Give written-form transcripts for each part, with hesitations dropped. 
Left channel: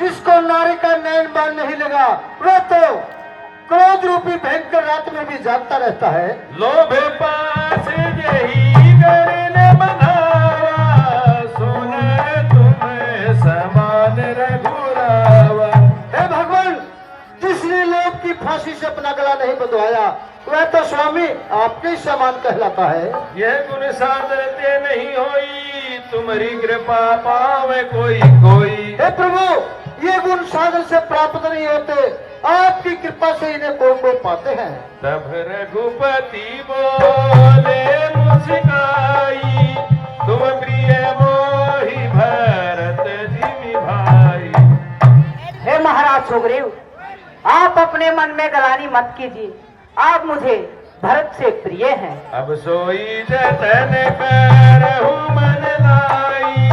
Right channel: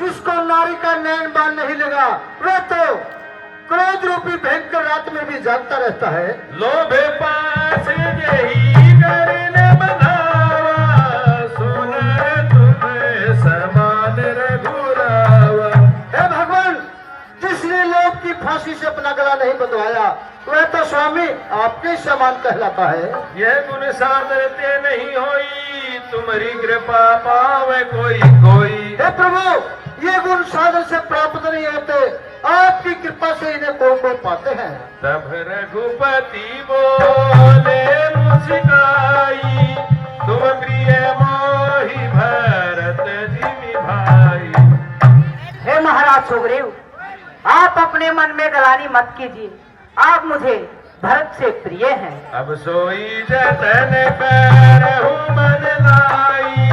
जिसको नारी का नैन बान नहीं लगा वह तो क्रोध रूपी भयंकर रात में भी जागता रहता है। लोभ पास यही करने बनावा, सुन तुम्हें समान रघुरावा। हे भगवान, जिसने लोभ की फांसी से अपना गला नहीं बंधवाया वह तो स्वामी आपके समान कहलाता है। यह गुण साधरते नहीं होई, तुम्हारी कृपा पावे कोई कोई। हे प्रभु, ये गुण साधन से प्राप्त नहीं होते, आपकी कृपा से इन्हें कोई पाते हैं। तब रघुपति बोले मुस्काई, तुम प्रिय मोहि भरत जिमि भाई। हे महाराज सुग्रीव, आप अपने मन में गलानी मत कीजिए, आप मुझे भरत से प्रिय हैं। अब सोई जतन करहु मन लाई,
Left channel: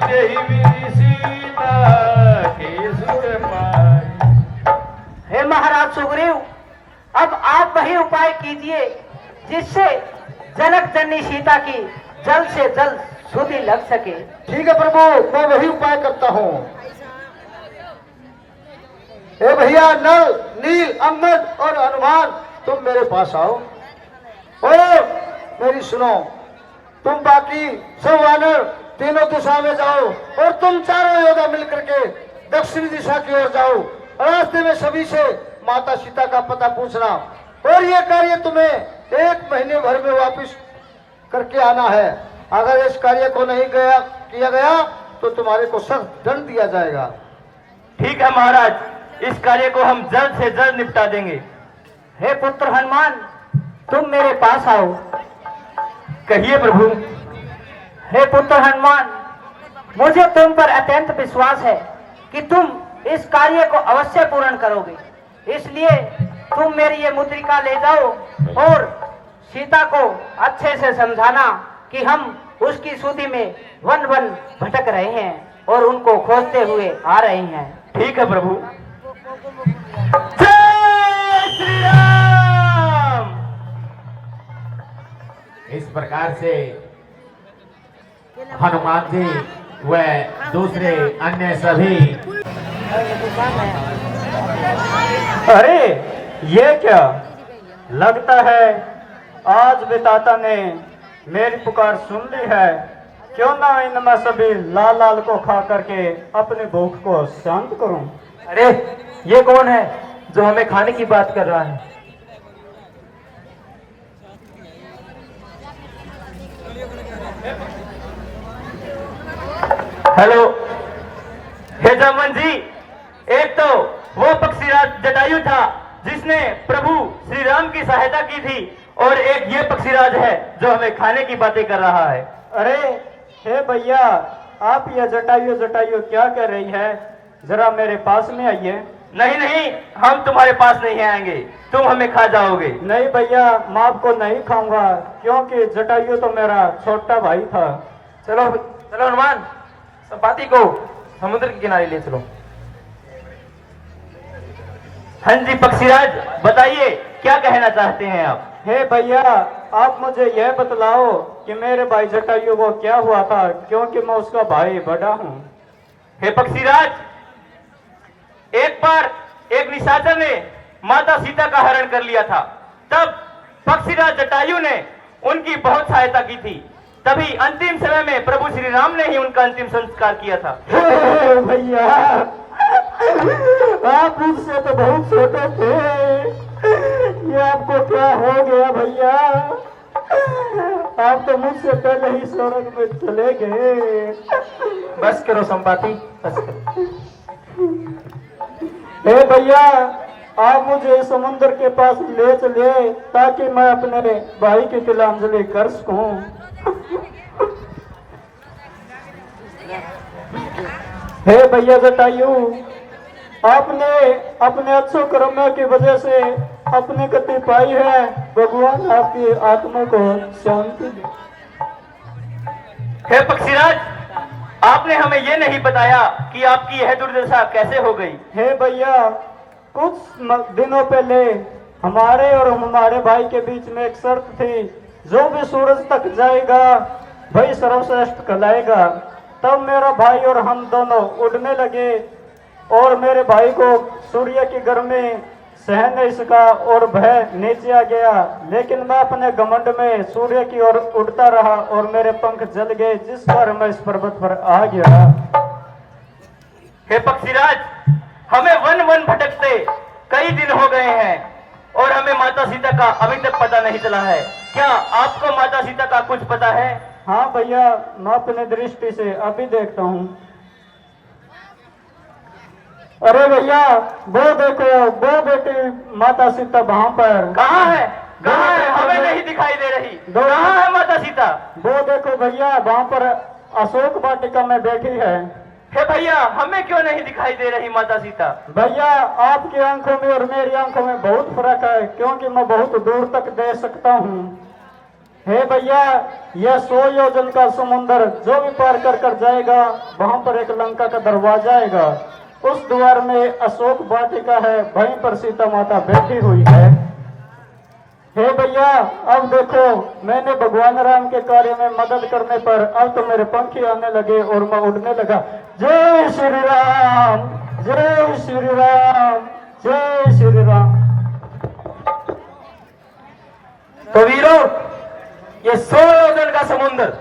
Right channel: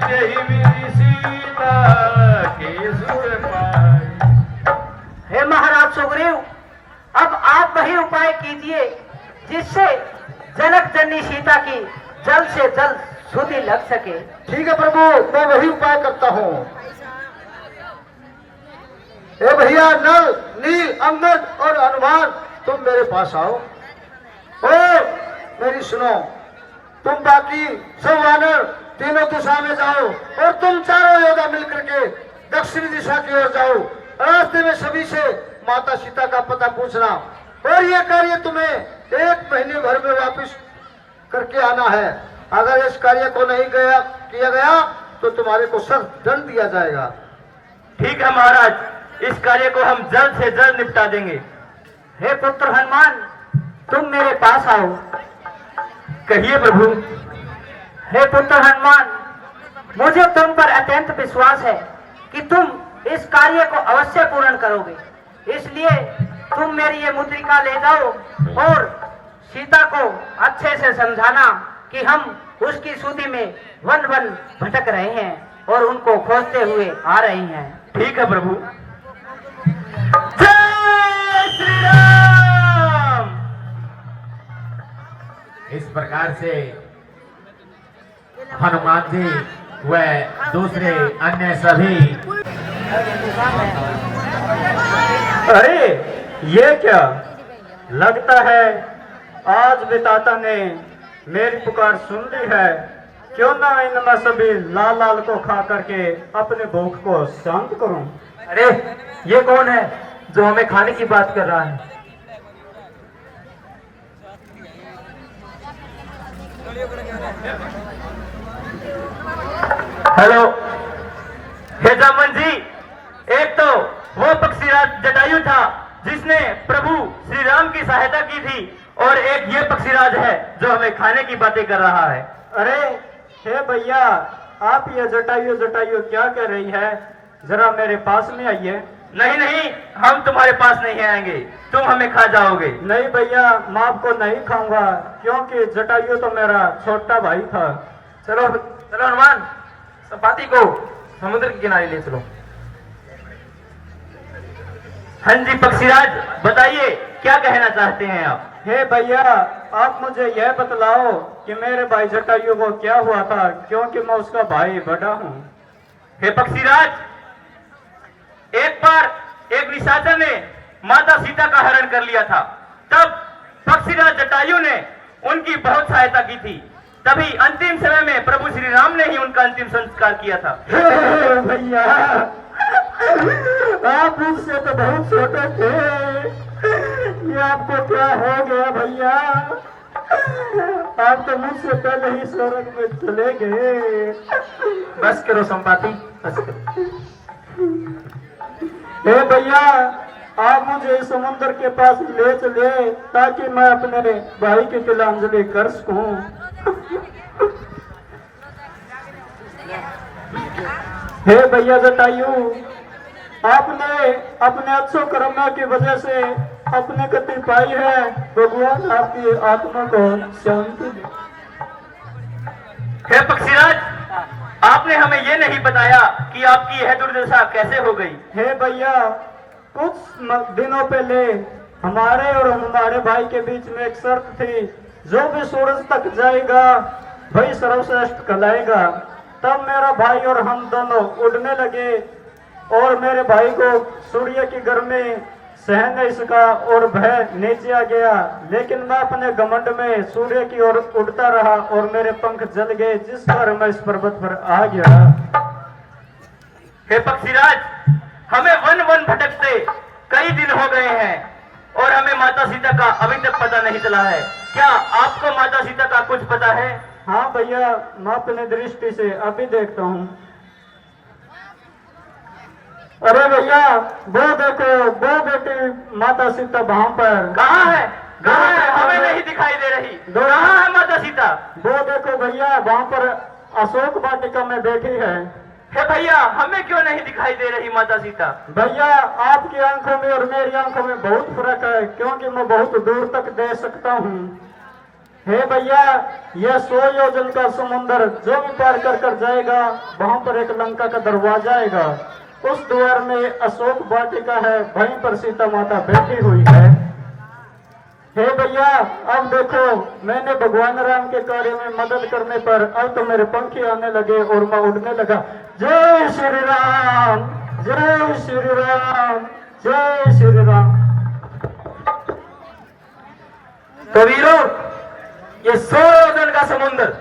जहि विधि सीता के सुख पाई। हे महाराज सुग्रीव, अब आप वही उपाय कीजिए जिससे जनक जननी सीता की जल्द से जल्द सुधि लग सके। ठीक है प्रभु, मैं वही उपाय करता हूँ। हे भैया नल, नील, अम्बद और हनुमान, तुम मेरे पास आओ और मेरी सुनो। तुम बाकी सब वानर तीनों दिशा में जाओ और तुम चारों योद्धा मिलकर के दक्षिणी दिशा की ओर जाओ। रास्ते में सभी से माता सीता का पता पूछना और ये कार्य तुम्हें 1 महीने भर में वापस करके आना है। अगर इस कार्य को नहीं किया गया तो तुम्हारे को सख्त दंड दिया जाएगा। ठीक है महाराज, इस कार्य को हम जल्द से जल्द निपटा देंगे। हे पुत्र हनुमान, तुम मेरे पास आओ। कहिए प्रभु। हे पुत्र हनुमान, मुझे तुम पर अत्यंत विश्वास है कि तुम इस कार्य को अवश्य पूर्ण करोगे, इसलिए तुम मेरी ये मुद्रिका ले जाओ और सीता को अच्छे से समझाना कि हम उसकी सूदी में वन वन भटक रहे हैं और उनको खोजते हुए आ रहे हैं। ठीक है प्रभु। जय श्री राम। इस प्रकार से हनुमान जी व दूसरे अन्य सभी। अरे ये क्या, लगता है आज विधाता ने मेरी पुकार सुन ली है। क्यों ना इनमें सभी लाल लाल को खा करके अपने भूख को शांत करूं। अरे ये कौन है जो हमें खाने की बात कर रहा है? हेलो, हे जामवन जी, एक तो वो पक्षीराज जटायु था जिसने प्रभु श्री राम की सहायता की थी, और एक ये पक्षीराज है जो हमें खाने की बातें कर रहा है। अरे हे भैया, आप ये जटायु जटायु क्या कह रही है, जरा मेरे पास में आइए। नहीं नहीं, हम तुम्हारे पास नहीं आएंगे, तुम हमें खा जाओगे। नहीं भैया, मैं आपको नहीं खाऊंगा, क्योंकि जटायु तो मेरा छोटा भाई था। चलो चलो हनुमान, संपाति को समुद्र के किनारे ले चलो। हाँ जी पक्षीराज, बताइए क्या कहना चाहते हैं आप? हे भैया, आप मुझे यह बतलाओ कि मेरे भाई जटायु को क्या हुआ था, क्योंकि मैं उसका भाई बड़ा हूँ। हे पक्षीराज, एक बार एक निशाचर ने माता सीता का हरण कर लिया था, तब पक्षीराज जटायु ने उनकी बहुत सहायता की थी, तभी अंतिम समय में प्रभु श्री राम ने ही उनका अंतिम संस्कार किया था। हे भैया, आप मुझसे तो बहुत छोटे थे, ये आपको क्या हो गया भैया? आप तो मुझसे पहले ही स्वर्ग में चले गए। बस करो संपाति, बस करो। हे भैया, आप मुझे इस समुद्र के पास ले चले ताकि मैं अपने भाई की तिलांजलि कर सकूं। हे भैया जटायु, आपने अपने अच्छे कर्मों की वजह से अपनी गति पाई है, भगवान आपकी आत्मा को शांति दे। हे पक्षीराज, आपने हमें ये नहीं बताया कि आपकी यह दुर्दशा कैसे हो गई। हे भैया, कुछ दिनों पहले हमारे और हमारे भाई के बीच में एक शर्त थी, जो भी सूरज तक जाएगा वही सर्वश्रेष्ठ कहलाएगा। तब मेरा भाई और हम दोनों उड़ने लगे और मेरे भाई को सूर्य की गर्मी सहन नहीं सका और भय नीचे आ गया, लेकिन मैं अपने घमंड में सूर्य की ओर उड़ता रहा और मेरे पंख जल गए, जिस पर मैं इस पर्वत पर आ गया। हे पक्षीराज, हमें वन वन भटकते कई दिन हो गए हैं और हमें माता सीता का अभी तक पता नहीं चला है। क्या आपको माता सीता का कुछ पता है? हाँ भैया, मैं अपनी दृष्टि से अभी देखता हूँ। अरे भैया, वो देखो, वो बेटी माता सीता वहाँ पर। कहाँ है? कहाँ है? हमें नहीं दिखाई दे रही। कहाँ है माता सीता? वो देखो भैया, वहाँ पर अशोक वाटिका में बैठी है। हे भैया, हमें क्यों नहीं दिखाई दे रही माता सीता? भैया, आपकी आंखों में और मेरी आंखों में बहुत फर्क है, क्योंकि मैं बहुत दूर तक देख सकता हूँ। हे भैया, यह 100 योजन का समुंदर जो भी पार कर कर जाएगा, वहाँ पर एक लंका का दरवाजा आएगा। उस द्वार में अशोक वाटिका है, वहीं पर सीता माता बैठी हुई है। हे भैया, अब देखो, मैंने भगवान राम के कार्य में मदद करने पर अब तो मेरे पंख आने लगे और मैं उड़ने लगा। जय श्री राम, जय श्री राम, जय श्री राम। तो वीरों, ये 100 योजन का समुद्र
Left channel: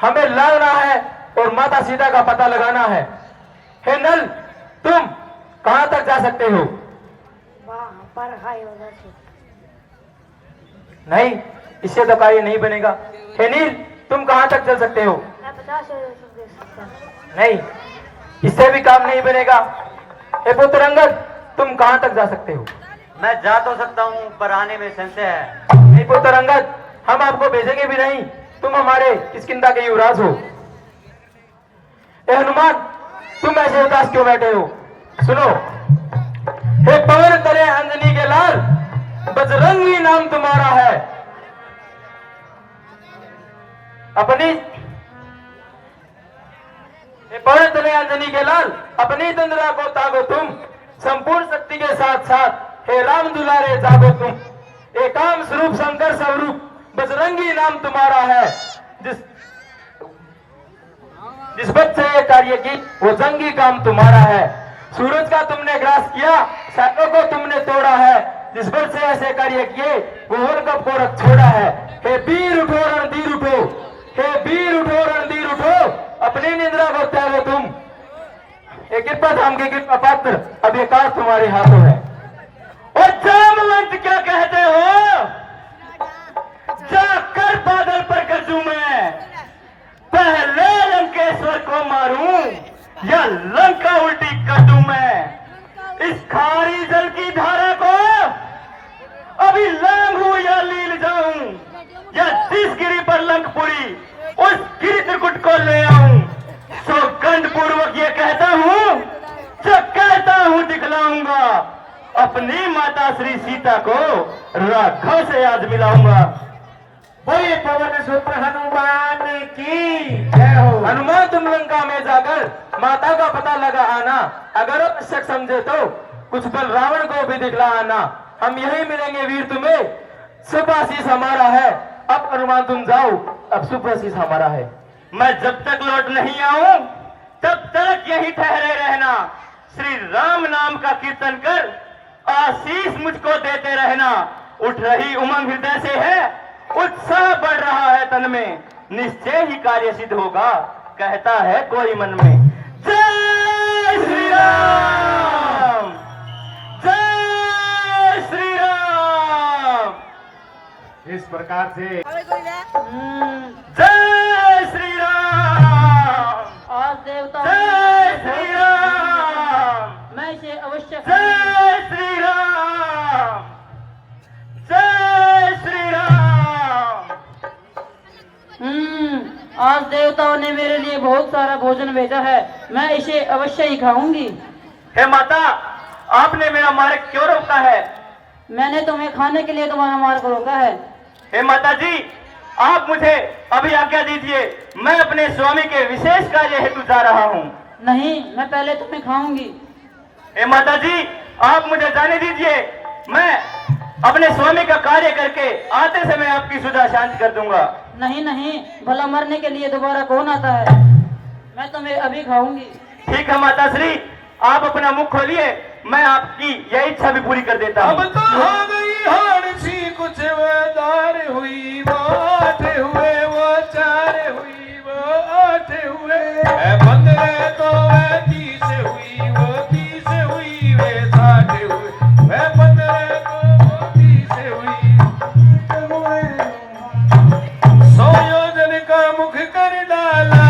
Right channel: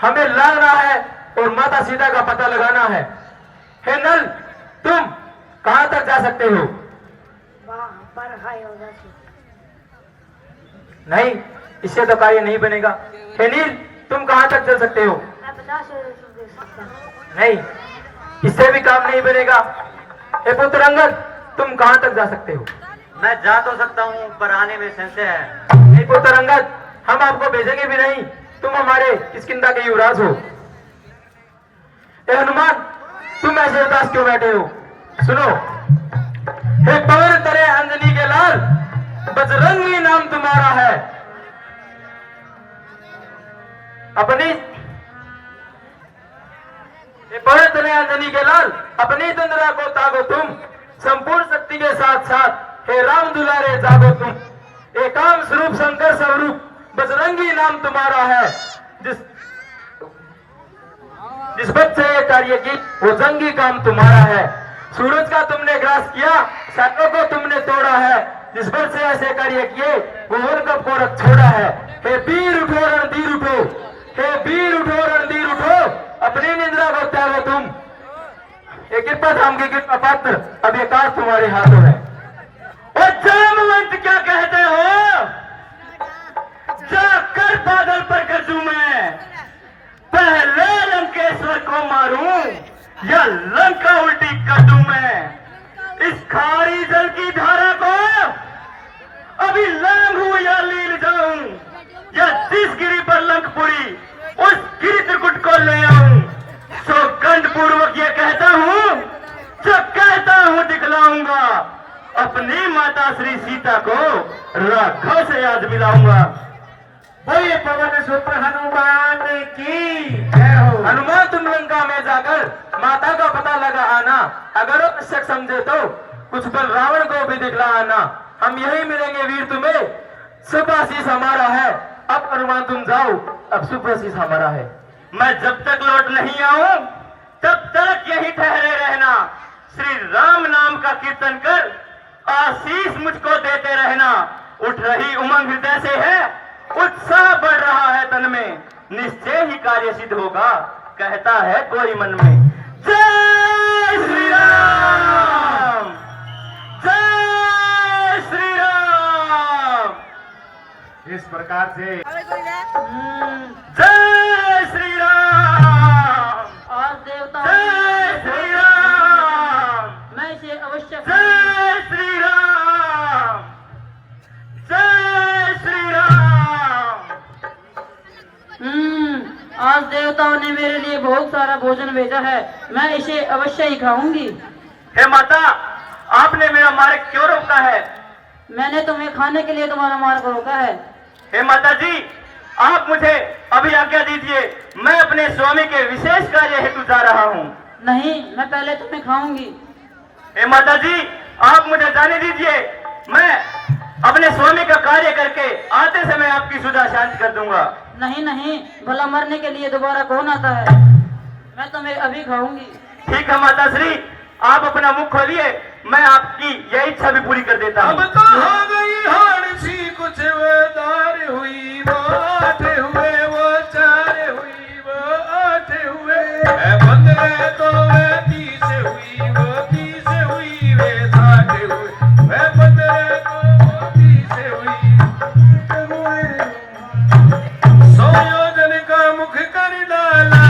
हमें लाना है और माता सीता का पता लगाना है। हे नल, तुम कहां तक जा सकते हो? नहीं, इससे तो कार्य नहीं बनेगा। हे नील, तुम कहां तक चल सकते हो? नहीं, इससे भी काम नहीं बनेगा। हे पुत्र अंगद, तुम कहां तक जा सकते हो? मैं जा तो सकता हूँ, पर आने में संशय है। नहीं पुत्र अंगद, हम आपको भेजेंगे भी नहीं। तुम हमारे किष्किंधा के युवराज हो। हे हनुमान, तुम ऐसे उदास क्यों बैठे हो? सुनो, हे पवन तरे अंजनी के लाल, बजरंगी नाम तुम्हारा है। अपनी हे पवन तरे अंजनी के लाल, अपनी तंद्रा को तागो तुम, संपूर्ण शक्ति के साथ साथ हे राम दुलारे जागो तुम। एकाम स्वरूप शंकर स्वरूप बजरंगी नाम तुम्हारा है। जिस बच्चे ये कार्य की वो जंगी काम तुम्हारा है। सूरज का तुमने ग्रास किया, सातों को तुमने तोड़ा है। जिस बच्चे से ऐसे कार्य किए वो उनका पोरक छोड़ा है। हे वीर उठो रणधीर उठो, हे वीर उठो रणधीर उठो, अपनी निद्रा को त्यागो तुम। ये कृपा धाम के कृपा पात्र, अब ये कार्य तुम्हारे हाथों है। और जामवंत क्या कहते हो? जाकर बादल पर गरजू मैं, पहले लंकेश्वर को मारूं या लंका उल्टी कर दूं मैं। इस खारी जल की धारा को अभी लांघूं या लील जाऊं, या जिस गिरी पर लंकपुरी उस गिरी त्रिकुट को ले आऊं। सौगंध पूर्वक ये कहता हूं, जो कहता हूं दिखलाऊंगा। अपनी माता श्री सीता को राघव से आज मिलाऊंगा। बोले पवन सुत हनुमान की जय हो। हनुमान, तुम लंका में जाकर माता का पता लगा आना। अगर आवश्यक समझे तो कुछ बल रावण को भी दिखला आना। हम यही मिलेंगे वीर तुम्हें। शुभ आशीष हमारा है। अब हनुमान तुम जाओ, अब शुभ आशीष हमारा है। मैं जब तक लौट नहीं आऊं तब तक यही ठहरे रहना। श्री राम नाम का कीर्तन कर आशीष मुझको देते रहना। उठ रही उमंग हृदय से है, उत्साह बढ़ रहा है तन में, निश्चय ही कार्य सिद्ध होगा, कहता है कोई मन में। जय श्री राम, जय श्री राम। इस प्रकार से जय श्री राम, आज देवता जय श्री राम, मैं इसे अवश्य जय श्री राम, जय श्री राम। आज देवताओं ने मेरे लिए बहुत सारा भोजन भेजा है, मैं इसे अवश्य ही खाऊंगी। हे माता, आपने मेरा मार्ग क्यों रोका है? मैंने तुम्हें खाने के लिए तुम्हारा मार्ग रोका है। हे माता जी, आप मुझे अभी आज्ञा दीजिए, मैं अपने स्वामी के विशेष कार्य हेतु जा रहा हूँ। नहीं, मैं पहले तुम्हें खाऊंगी। हे माता जी, आप मुझे जाने दीजिए, मैं अपने स्वामी का कार्य करके आते समय आपकी सुधा शांत कर दूंगा। नहीं नहीं, भला मरने के लिए दोबारा कौन आता है? मैं तुम्हें अभी खाऊंगी। ठीक है माता श्री, आप अपना मुख खोलिए, मैं आपकी यह इच्छा भी पूरी कर देता अब हूँ। तो हो गई हार सी, कुछ वो दार हुई, वो आठ हुए, वो चार हुई, वो आठ हुए, 15 तो वे 30 हुई, वो 30 हुई, वे 60 हुए, वे 15 तो वो 30 हुई। 100 योजन का मुख कर डाला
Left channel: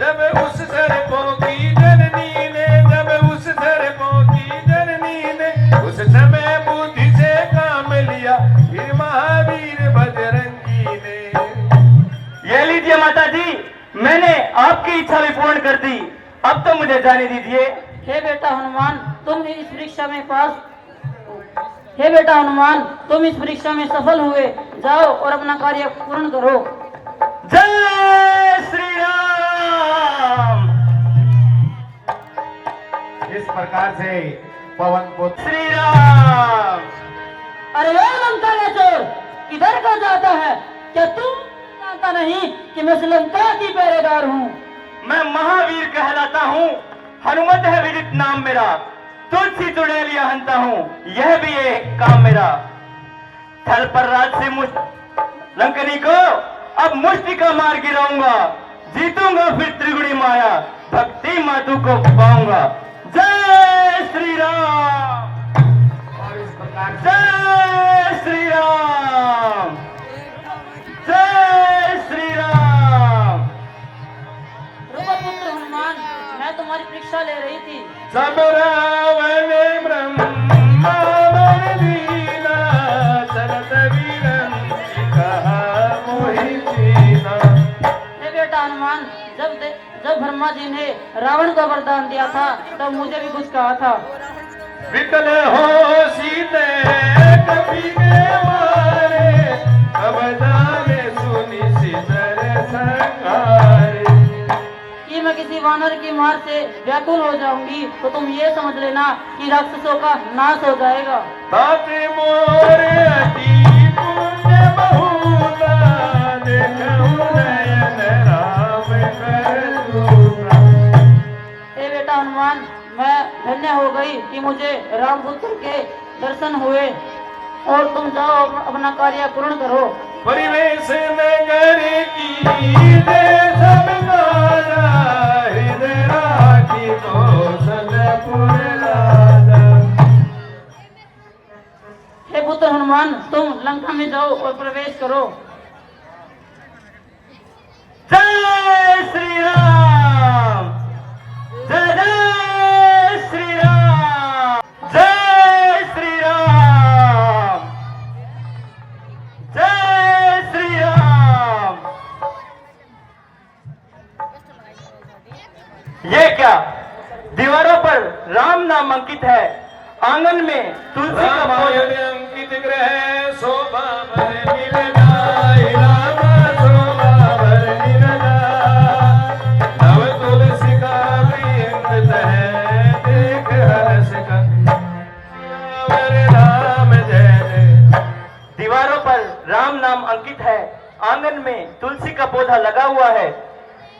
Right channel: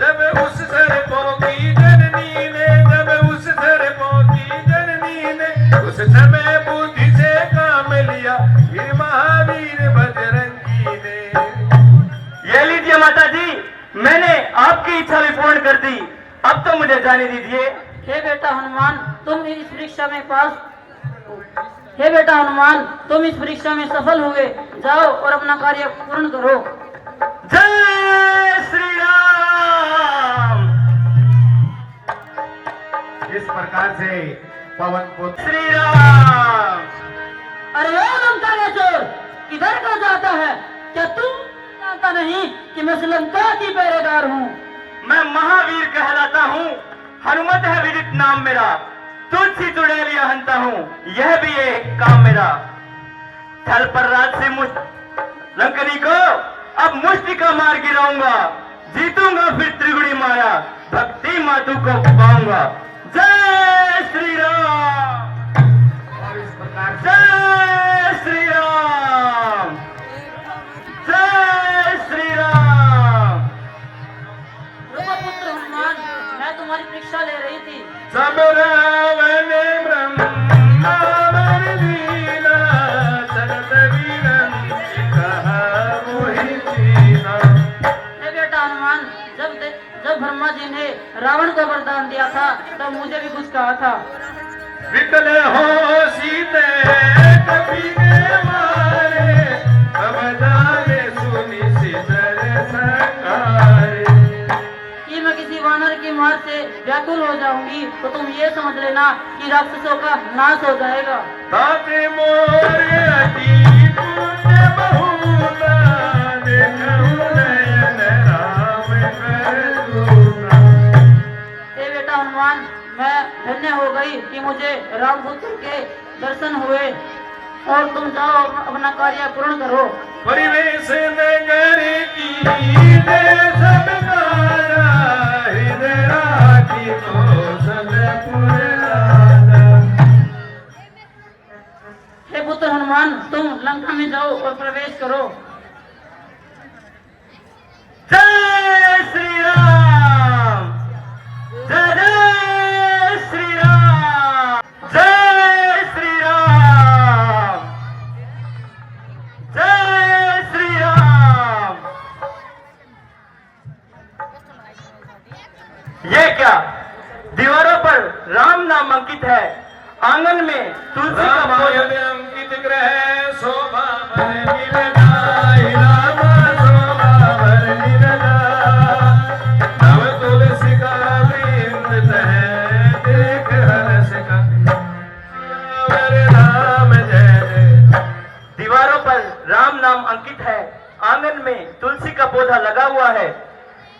जब उस सर्पों की जननी ने, जब उस सर्पों की जननी ने उस समय बुद्धि से काम लिया, फिर महावीर बजरंगी ने। ये लीजिए माता जी, मैंने आपकी इच्छा भी पूर्ण कर दी, अब तो मुझे जाने दीजिए। हे बेटा हनुमान, तुम इस परीक्षा में पास हे बेटा हनुमान, तुम इस परीक्षा में सफल हुए, जाओ और अपना कार्य पूर्ण करो। जय श्री राम। इस प्रकार से पवन पुत्र श्री राम। अरे ओ लंका का चोर, किधर का जाता है? क्या तुम जानता नहीं कि मैं श्रीलंका की पहरेदार हूँ? मैं महावीर कहलाता हूँ, हनुमत है विदित नाम मेरा, तुलसी चुड़ैलिया हंता हूँ, यह भी एक काम मेरा। थल पर राज से लंकनी को अब मुष्टि का मार गिराऊंगा, जीतूंगा फिर त्रिगुणी माया, भक्ति मातु को पाऊंगा। जय श्री राम। जय श्री राम। जय श्री राम। ब्रह्मपुत्र हनुमान, मैं तुम्हारी परीक्षा ले रही थी। सब रावण ब्रह्मा वर दीना, चलत वीरन कहा मोहि दीना। हे बेटा हनुमान, जब ब्रह्मा जी ने रावण को वरदान दिया था, तब मुझे भी कुछ कहा था। विकल हो सीते कपि के मारे, अब जाने सुनि सितर संगारे। कि मैं किसी वानर की मार से व्याकुल हो जाऊंगी तो तुम ये समझ लेना कि राक्षसों का नाश हो जाएगा। ताते मोर अति पुण्य बहुता, देखहु नयन राम कर दूता। हे बेटा हनुमान, मैं धन्य हो गई कि मुझे रामपुत्र के दर्शन हुए, और तुम जाओ अपना कार्य पूर्ण करो। परिवेश नगर की दे सब राजा, हृदय राखी कौशलपुर राजा। हे पुत्र हनुमान, तुम लंका में जाओ और प्रवेश करो। जय श्री राम। जय जय श्री राम। जय श्री राम। जय श्री राम। ये क्या, दीवारों पर राम नाम अंकित है, आंगन में तुलसी का पौधा। रामायण अंकित ग्रह शोभा भर नीलगाय, राम शोभा भर नीलगाय। नव तुलसी का वृंद है, देख हर्ष का राम जय जय। दीवारों पर राम नाम अंकित है, आंगन में तुलसी का पौधा लगा हुआ है।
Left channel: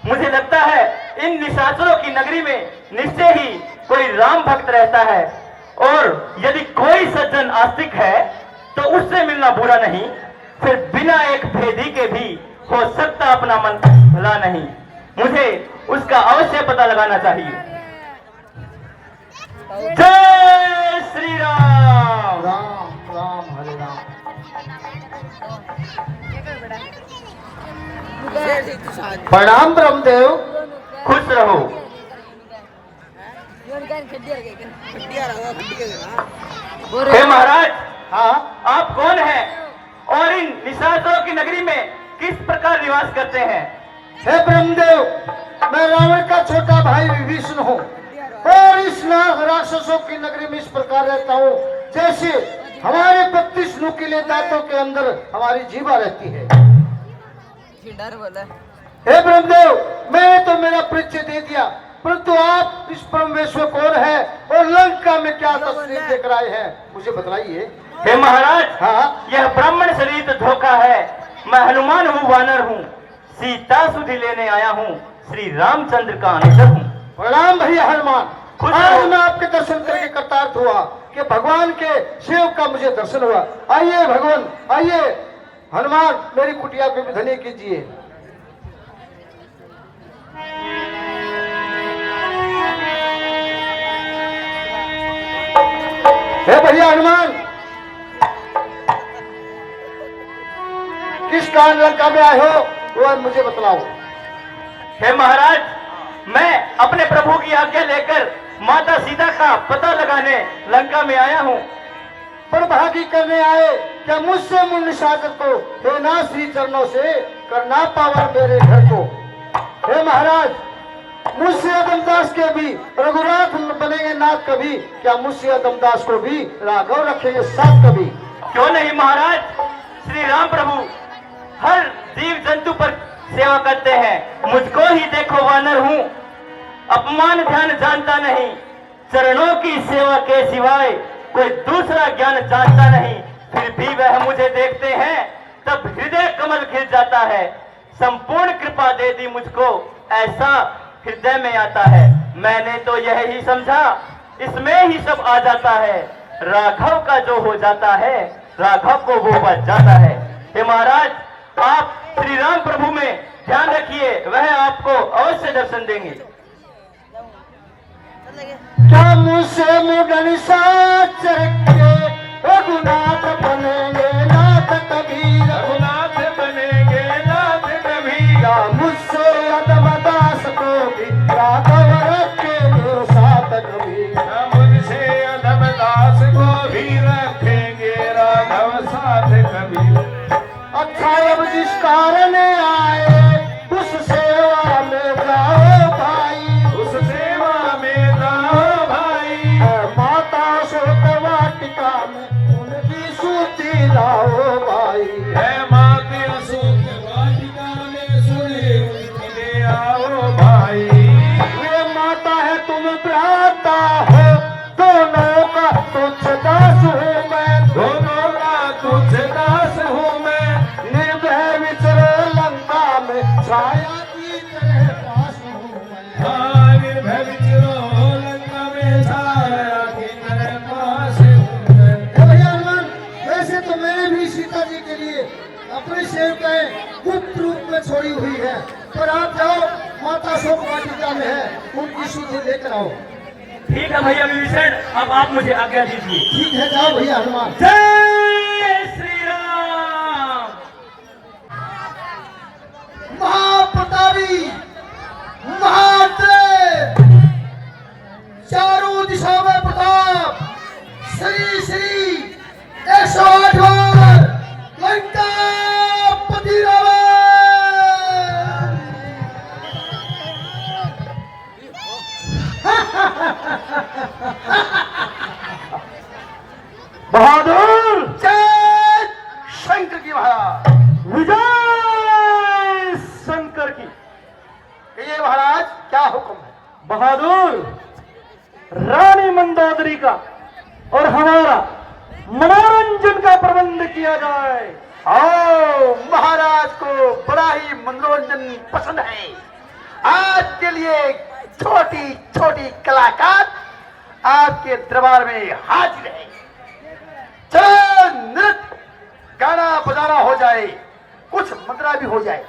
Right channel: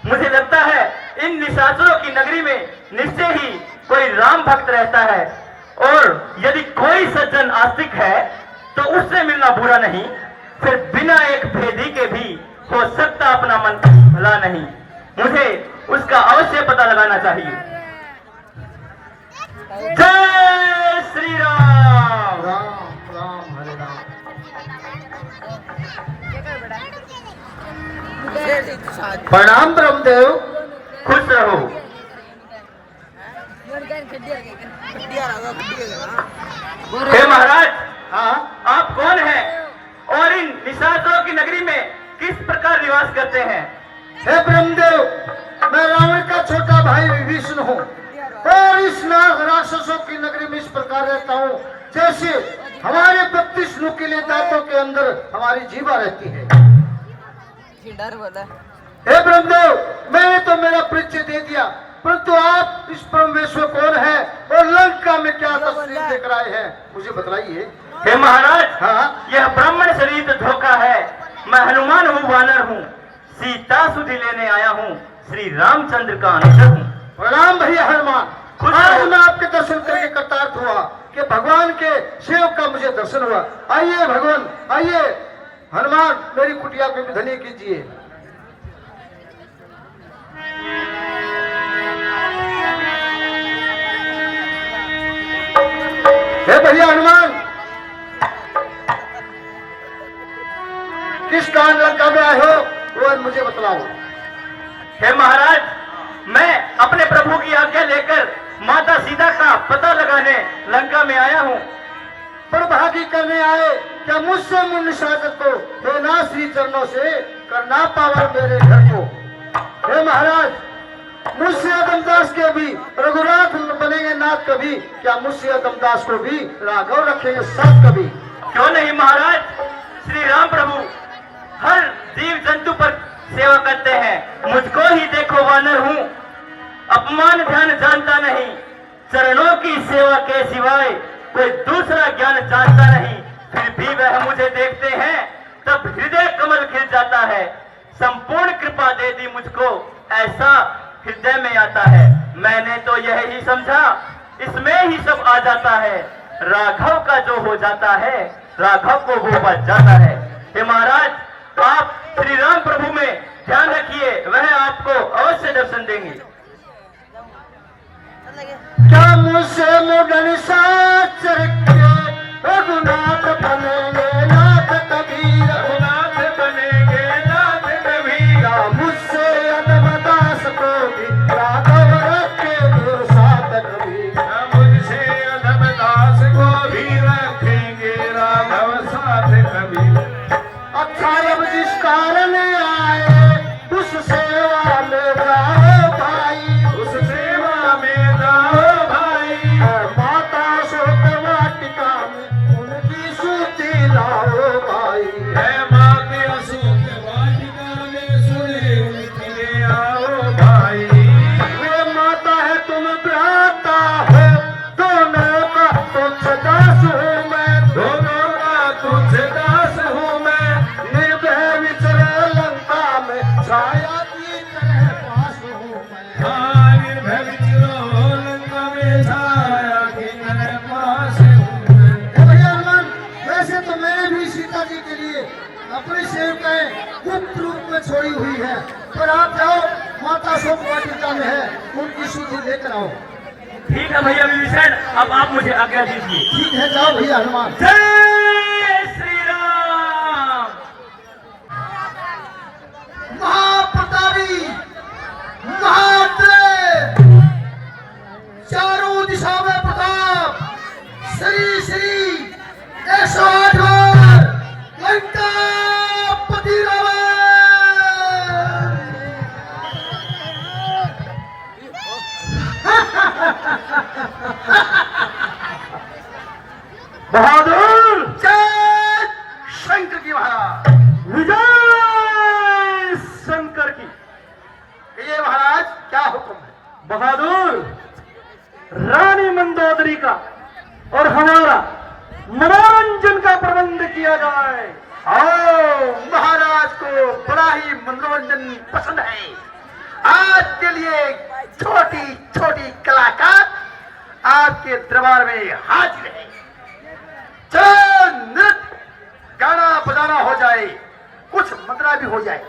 मुझे लगता है इन निशाचरों की नगरी में निश्चय ही कोई राम भक्त रहता है, और यदि कोई सज्जन आस्तिक है तो उससे मिलना बुरा नहीं, फिर बिना एक भेदी के भी हो सकता अपना मन भला नहीं। मुझे उसका अवश्य पता लगाना चाहिए। जय श्री राम। राम राम हरे राम। प्रणाम ब्रह्मदेव। खुश रहो। हे महाराज, हाँ, आप कौन हैं और इन निशाचरों की नगरी में किस प्रकार निवास करते हैं? हे ब्रह्मदेव, मैं रावण का छोटा भाई विभीषण हूँ, और इस राक्षसों की नगरी में इस प्रकार रहता हूँ जैसे हमारे 32 नुकीले दांतों के अंदर हमारी जीवा रहती है। हे ब्रह्मदेव, मैंने तो मेरा परिचय दे दिया, परंतु आप इस परमेश्वर कौन है और लंका में क्या तस्वीर देख रहे हैं, मुझे बतलाइए। हे महाराज, हाँ, यह ब्राह्मण शरीर धोखा है। मैं हनुमान हूँ, वानर हूँ, सीता सुधि लेने आया हूँ, श्री रामचंद्र का अनुचर हूँ। प्रणाम भैया हनुमान। खुश आज रहो। मैं आपके दर्शन करके कृतार्थ हुआ कि भगवान के सेवक का मुझे दर्शन हुआ। आइए भगवान, आइए हनुमान, मेरी कुटिया को भी धन्य कीजिए। हे भैया हनुमान, किस कारण लंका में आए हो वो मुझे बतलाओ। हे महाराज, मैं अपने प्रभु की आज्ञा लेकर माता सीता का पता लगाने लंका में आया हूँ। पर भागी करने आए, क्या मुझसे मुझ निशाचर को हे नाथ श्री चरणों से करना पावर मेरे घर को। हे महाराज, मुझसे अदमदास के भी रघुनाथ बनेंगे नाथ कभी, क्या मुझसे अदमदास को भी राघव रखेंगे साथ कभी। क्यों नहीं महाराज, श्री राम प्रभु हर जीव जंतु पर सेवा करते हैं। मुझको ही देखो वानर हूँ, अपमान ध्यान जानता नहीं, चरणों की सेवा के सिवाय कोई दूसरा ज्ञान जानता नहीं। फिर भी वह मुझे देखते हैं तब हृदय कमल खिल जाता है। संपूर्ण कृपा दे दी मुझको, ऐसा हृदय में आता है। मैंने तो यह ही समझा इसमें ही सब आ जाता है। राघव का जो हो जाता है राघव को वो बच जाता है। हे महाराज, आप श्री राम प्रभु में ध्यान रखिए, वह आपको अवश्य दर्शन देंगे। क्या मुझसे मुगन साचर के रघुनाथ बनेंगे नाथ कबीर। रघुनाथ बनेंगे नाथ कबीर। क्या मुझसे अदमदास को भी राघव रखेंगे साथ कबीर। मुझसे अधमदास को भी रखेंगे राघव साथ कबीर। अच्छा अब जिस कारण आए उस सेवा में जाओ भाई। उस सेवा में जाओ भाई। माता शोक वाटिका में उनकी सूती लाओ भाई। है माते अशोक वाटिका में सुने उनके आओ भाई। वे माता है तुम भ्राता हो, दोनों का तुझ दास हूँ मैं। दोनों का तुझ दास हूँ मैं। निर्भय विचरो लंका में, छाया की तरह पास हूँ मैं। हाँ, निर्भय विचरो लंका में, छाया की तरह पास हूँ मैं। हे भैया हनुमान, वैसे तो मैंने भी सीता जी के लिए अपनी सेवकाएं गुप्त रूप में छोड़ी हुई है, पर आप जाओ, माता शोक वाटिका में है, उनकी सूची लेकर आओ। ठीक है भैया विभीषण, अब आप मुझे आज्ञा दीजिए। ठीक है, जाओ भैया हनुमान। जय श्री राम। महाप्रतापी, महातेज, चारों दिशा में प्रताप, श्री श्री 108 बार लंकापति रावण। बहादुर, जय शंकर की महाराज। विजय शंकर की। ये महाराज क्या हुक्म है। बहादुर, रानी मंदोदरी का और हमारा मनोरंजन का प्रबंध किया जाए। आओ, महाराज को बड़ा ही मनोरंजन पसंद है। आज के लिए छोटी छोटी कलाकार आपके दरबार में हाजिर है। चलो नृत्य गाना बजाना हो जाए, कुछ मंत्रा भी हो जाए।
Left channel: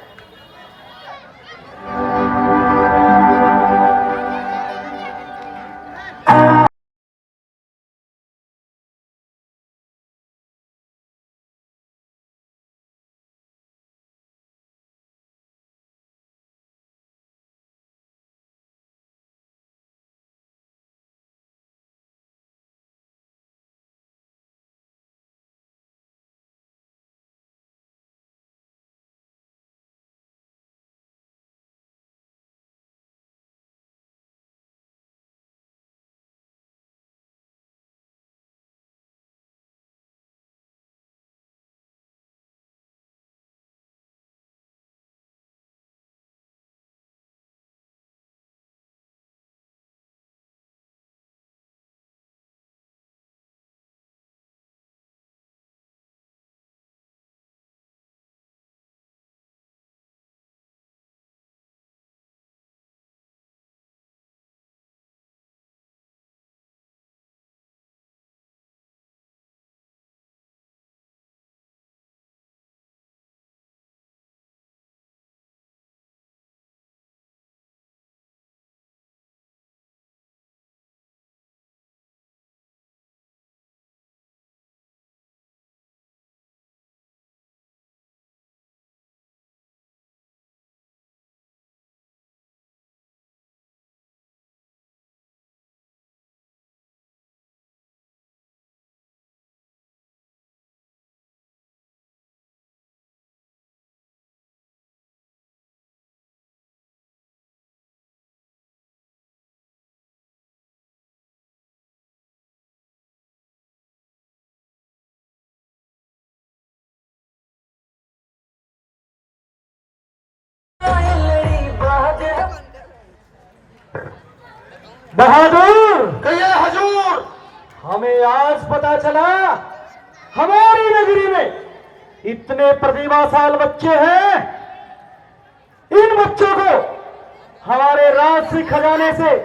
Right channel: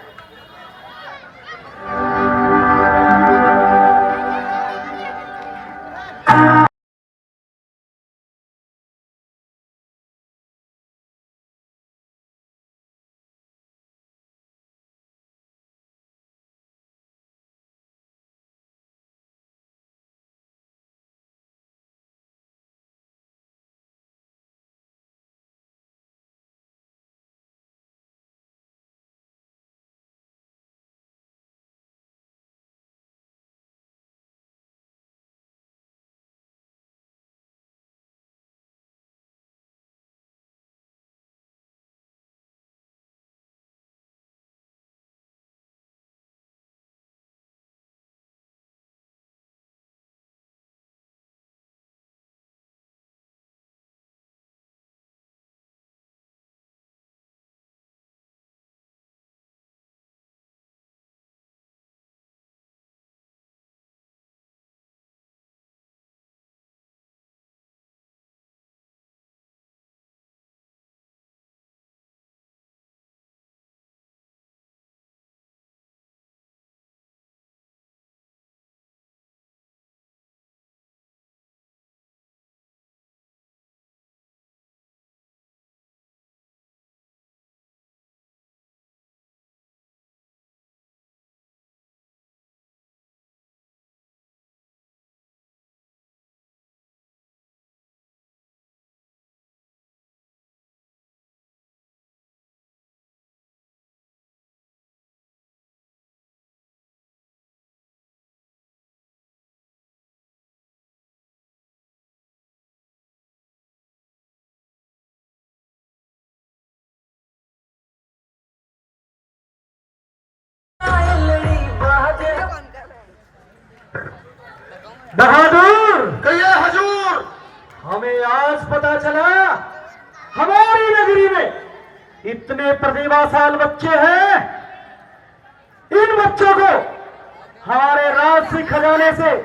बहादुर, कहिए हजूर। हमें आज पता चला हमारी नगरी में इतने प्रतिभाशाली बच्चे हैं। इन बच्चों को हमारे राजसी खजाने से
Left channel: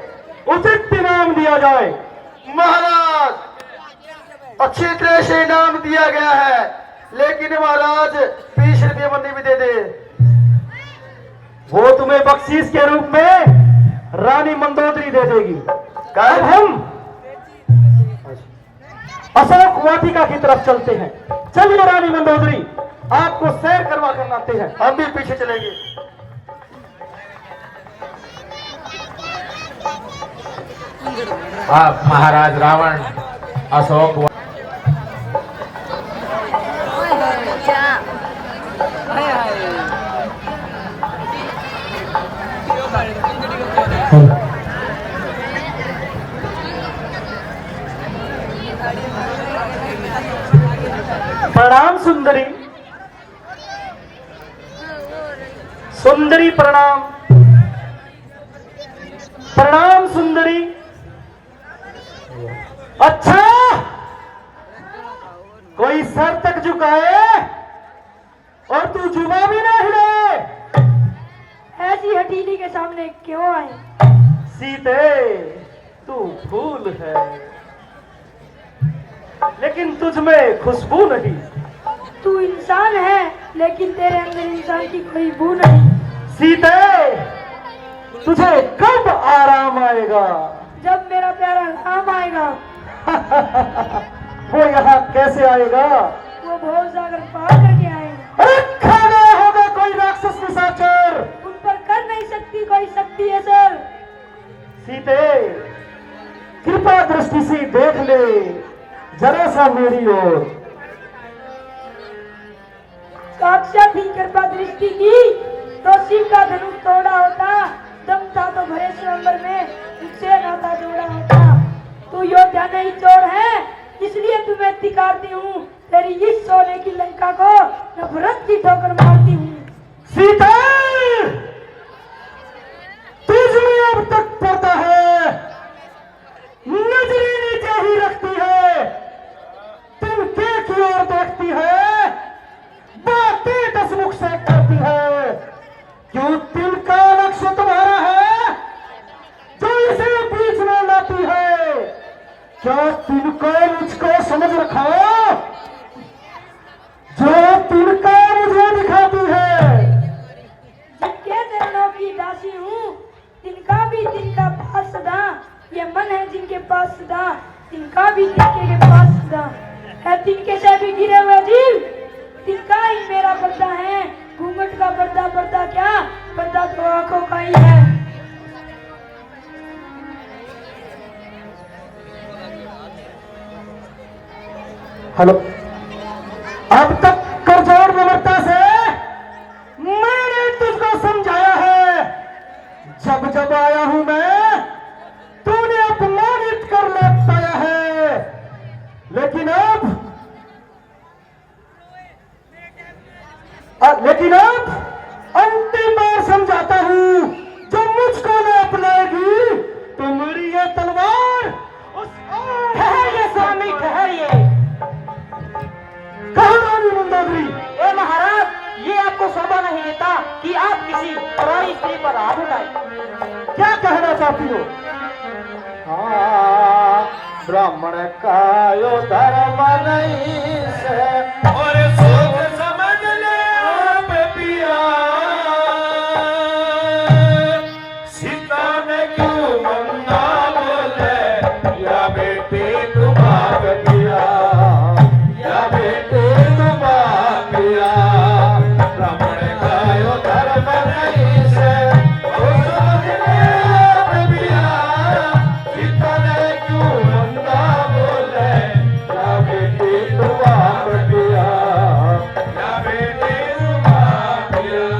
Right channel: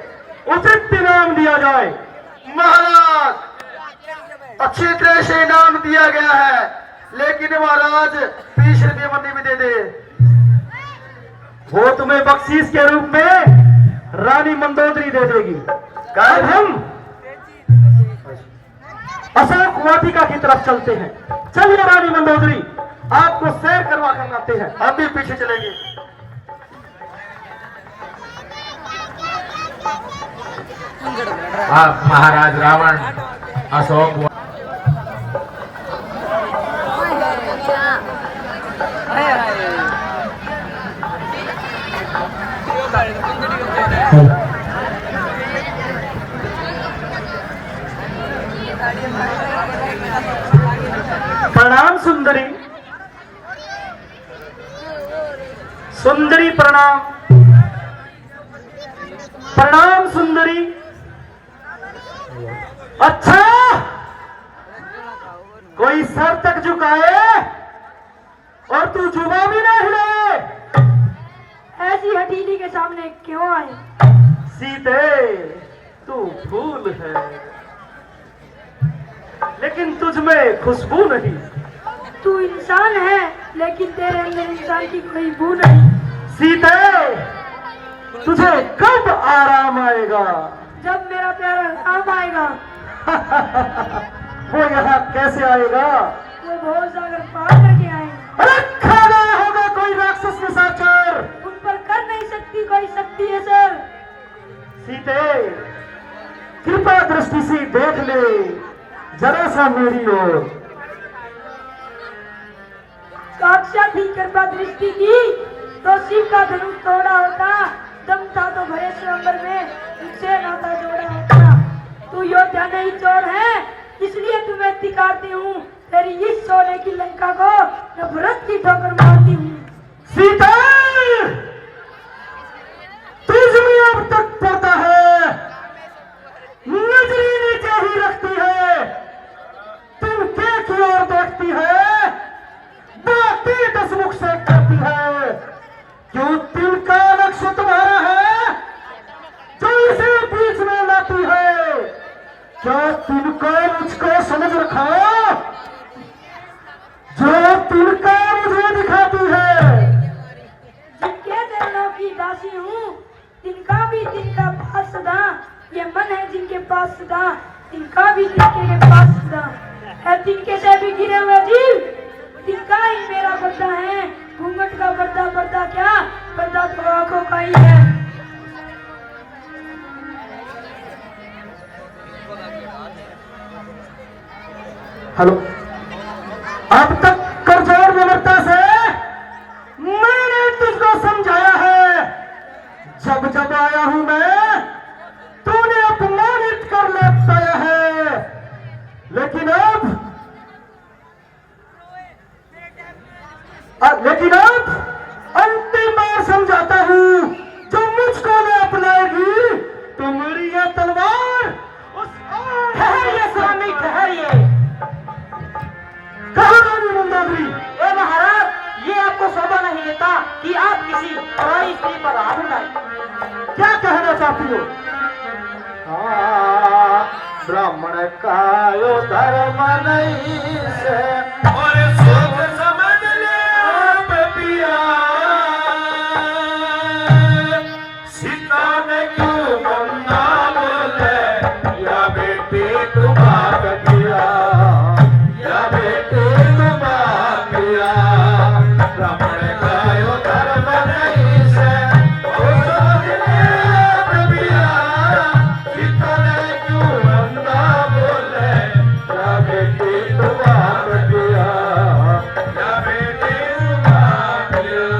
उचित इनाम दिया जाए। महाराज, अच्छी तरह से इनाम दिया गया है, लेकिन महाराज 20 रुपये बंदी भी दे दे। वो तुम्हें बख्शीश के रूप में रानी मंदोदरी दे देगी। अब हम अशोक वाटिका की तरफ चलते हैं। चलिए रानी मंदोदरी, आपको सैर करवा कर लाते हैं। हम भी पीछे चलेंगे। आप महाराज रावण अशोक प्रणाम सुंदरी। सुंदरी प्रणाम। प्रणाम सुंदरी। अच्छा, कोई सर तक झुकाए और तू जुबा भी ना हिले। ऐसी हथेली के सामने क्यों आए? सीते, तू फूल है, लेकिन तुझ में खुशबू नहीं। तू इंसान है, लेकिन तेरे अंदर इंसान की कोई बू नहीं। सीते, तुझे कब आराम आएगा? जब मेरा प्यारा काम आएगा। वो यहाँ कैसे आएगा? वो भोर सागर पार करके आएगा। अरे खाना होगा कोई राक्षस निशाचर। उन पर कर नहीं सकती कोई शक्ति है सर। सीते, कृपा दृष्टि से देख ले जरा सा मेरी ओर। साक्षात ही कृपा दृष्टि की तो शिव का धनुष तोड़ा होता। दम था तो भरे स्वयंवर में उससे नाता जोड़ा होता। तू योद्धा नहीं चोर है, इसलिए तुम्हें धिक्कारती हूँ। तेरी इस सोने की लंका को नफरत की ठोकर मारती हूँ। सीता, तुझ में अब तक पड़ता है, नजरें नीचे ही रखती है, तिनके की ओर देखती है, बातें दसमुख से करती है। क्यों तिनका लक्ष्य तुम्हारा है जो इसे बीच में लाती है? क्या तिनका मुझको समझ रखा जो तिनका मुझे दिखाती है? जिनके चरणों की दासी हूँ, तिनका भी तिनका पास सदा। ये मन है जिनके पास सदा, तिनका भी तिनके के पास सदा है। तिनके से भी गिरे हुए जीव, तिनका ही मेरा पर्दा है। घूंघट का पर्दा, पर्दा क्या, पर्दा तो आंखों का ही है। हेलो, अब तक करजोर विनम्रता से मैंने तुझको समझाया है। जब जब आया हूं मैं, तूने अपमानित कर लौटाया है, लेकिन अब अंतिम बार समझाता हूं। जो मुझको न अपनाएगी तो मेरी ये तलवार उस ठहरिए स्वामी, ठहरिए। कहा रानी मंदोदरी? ए महाराज, ये आपको शोभा नहीं देता कि आप किसी पराई स्त्री पर हाथ उठाए। क्या कहना चाहती हो? ब्राह्मण का यो धर्म नहीं से और सोच समझ ले पिया, सीता ने क्यों मंदा बोले, या बेटे तुम आप दिया, या बेटे तुम आप दिया। ब्राह्मण का यो धर्म नहीं से, और समझ ले पिया, सीता ने क्यों मंदा बोले, या बेटे तुम आप दिया, या बेटे तुम आप दिया।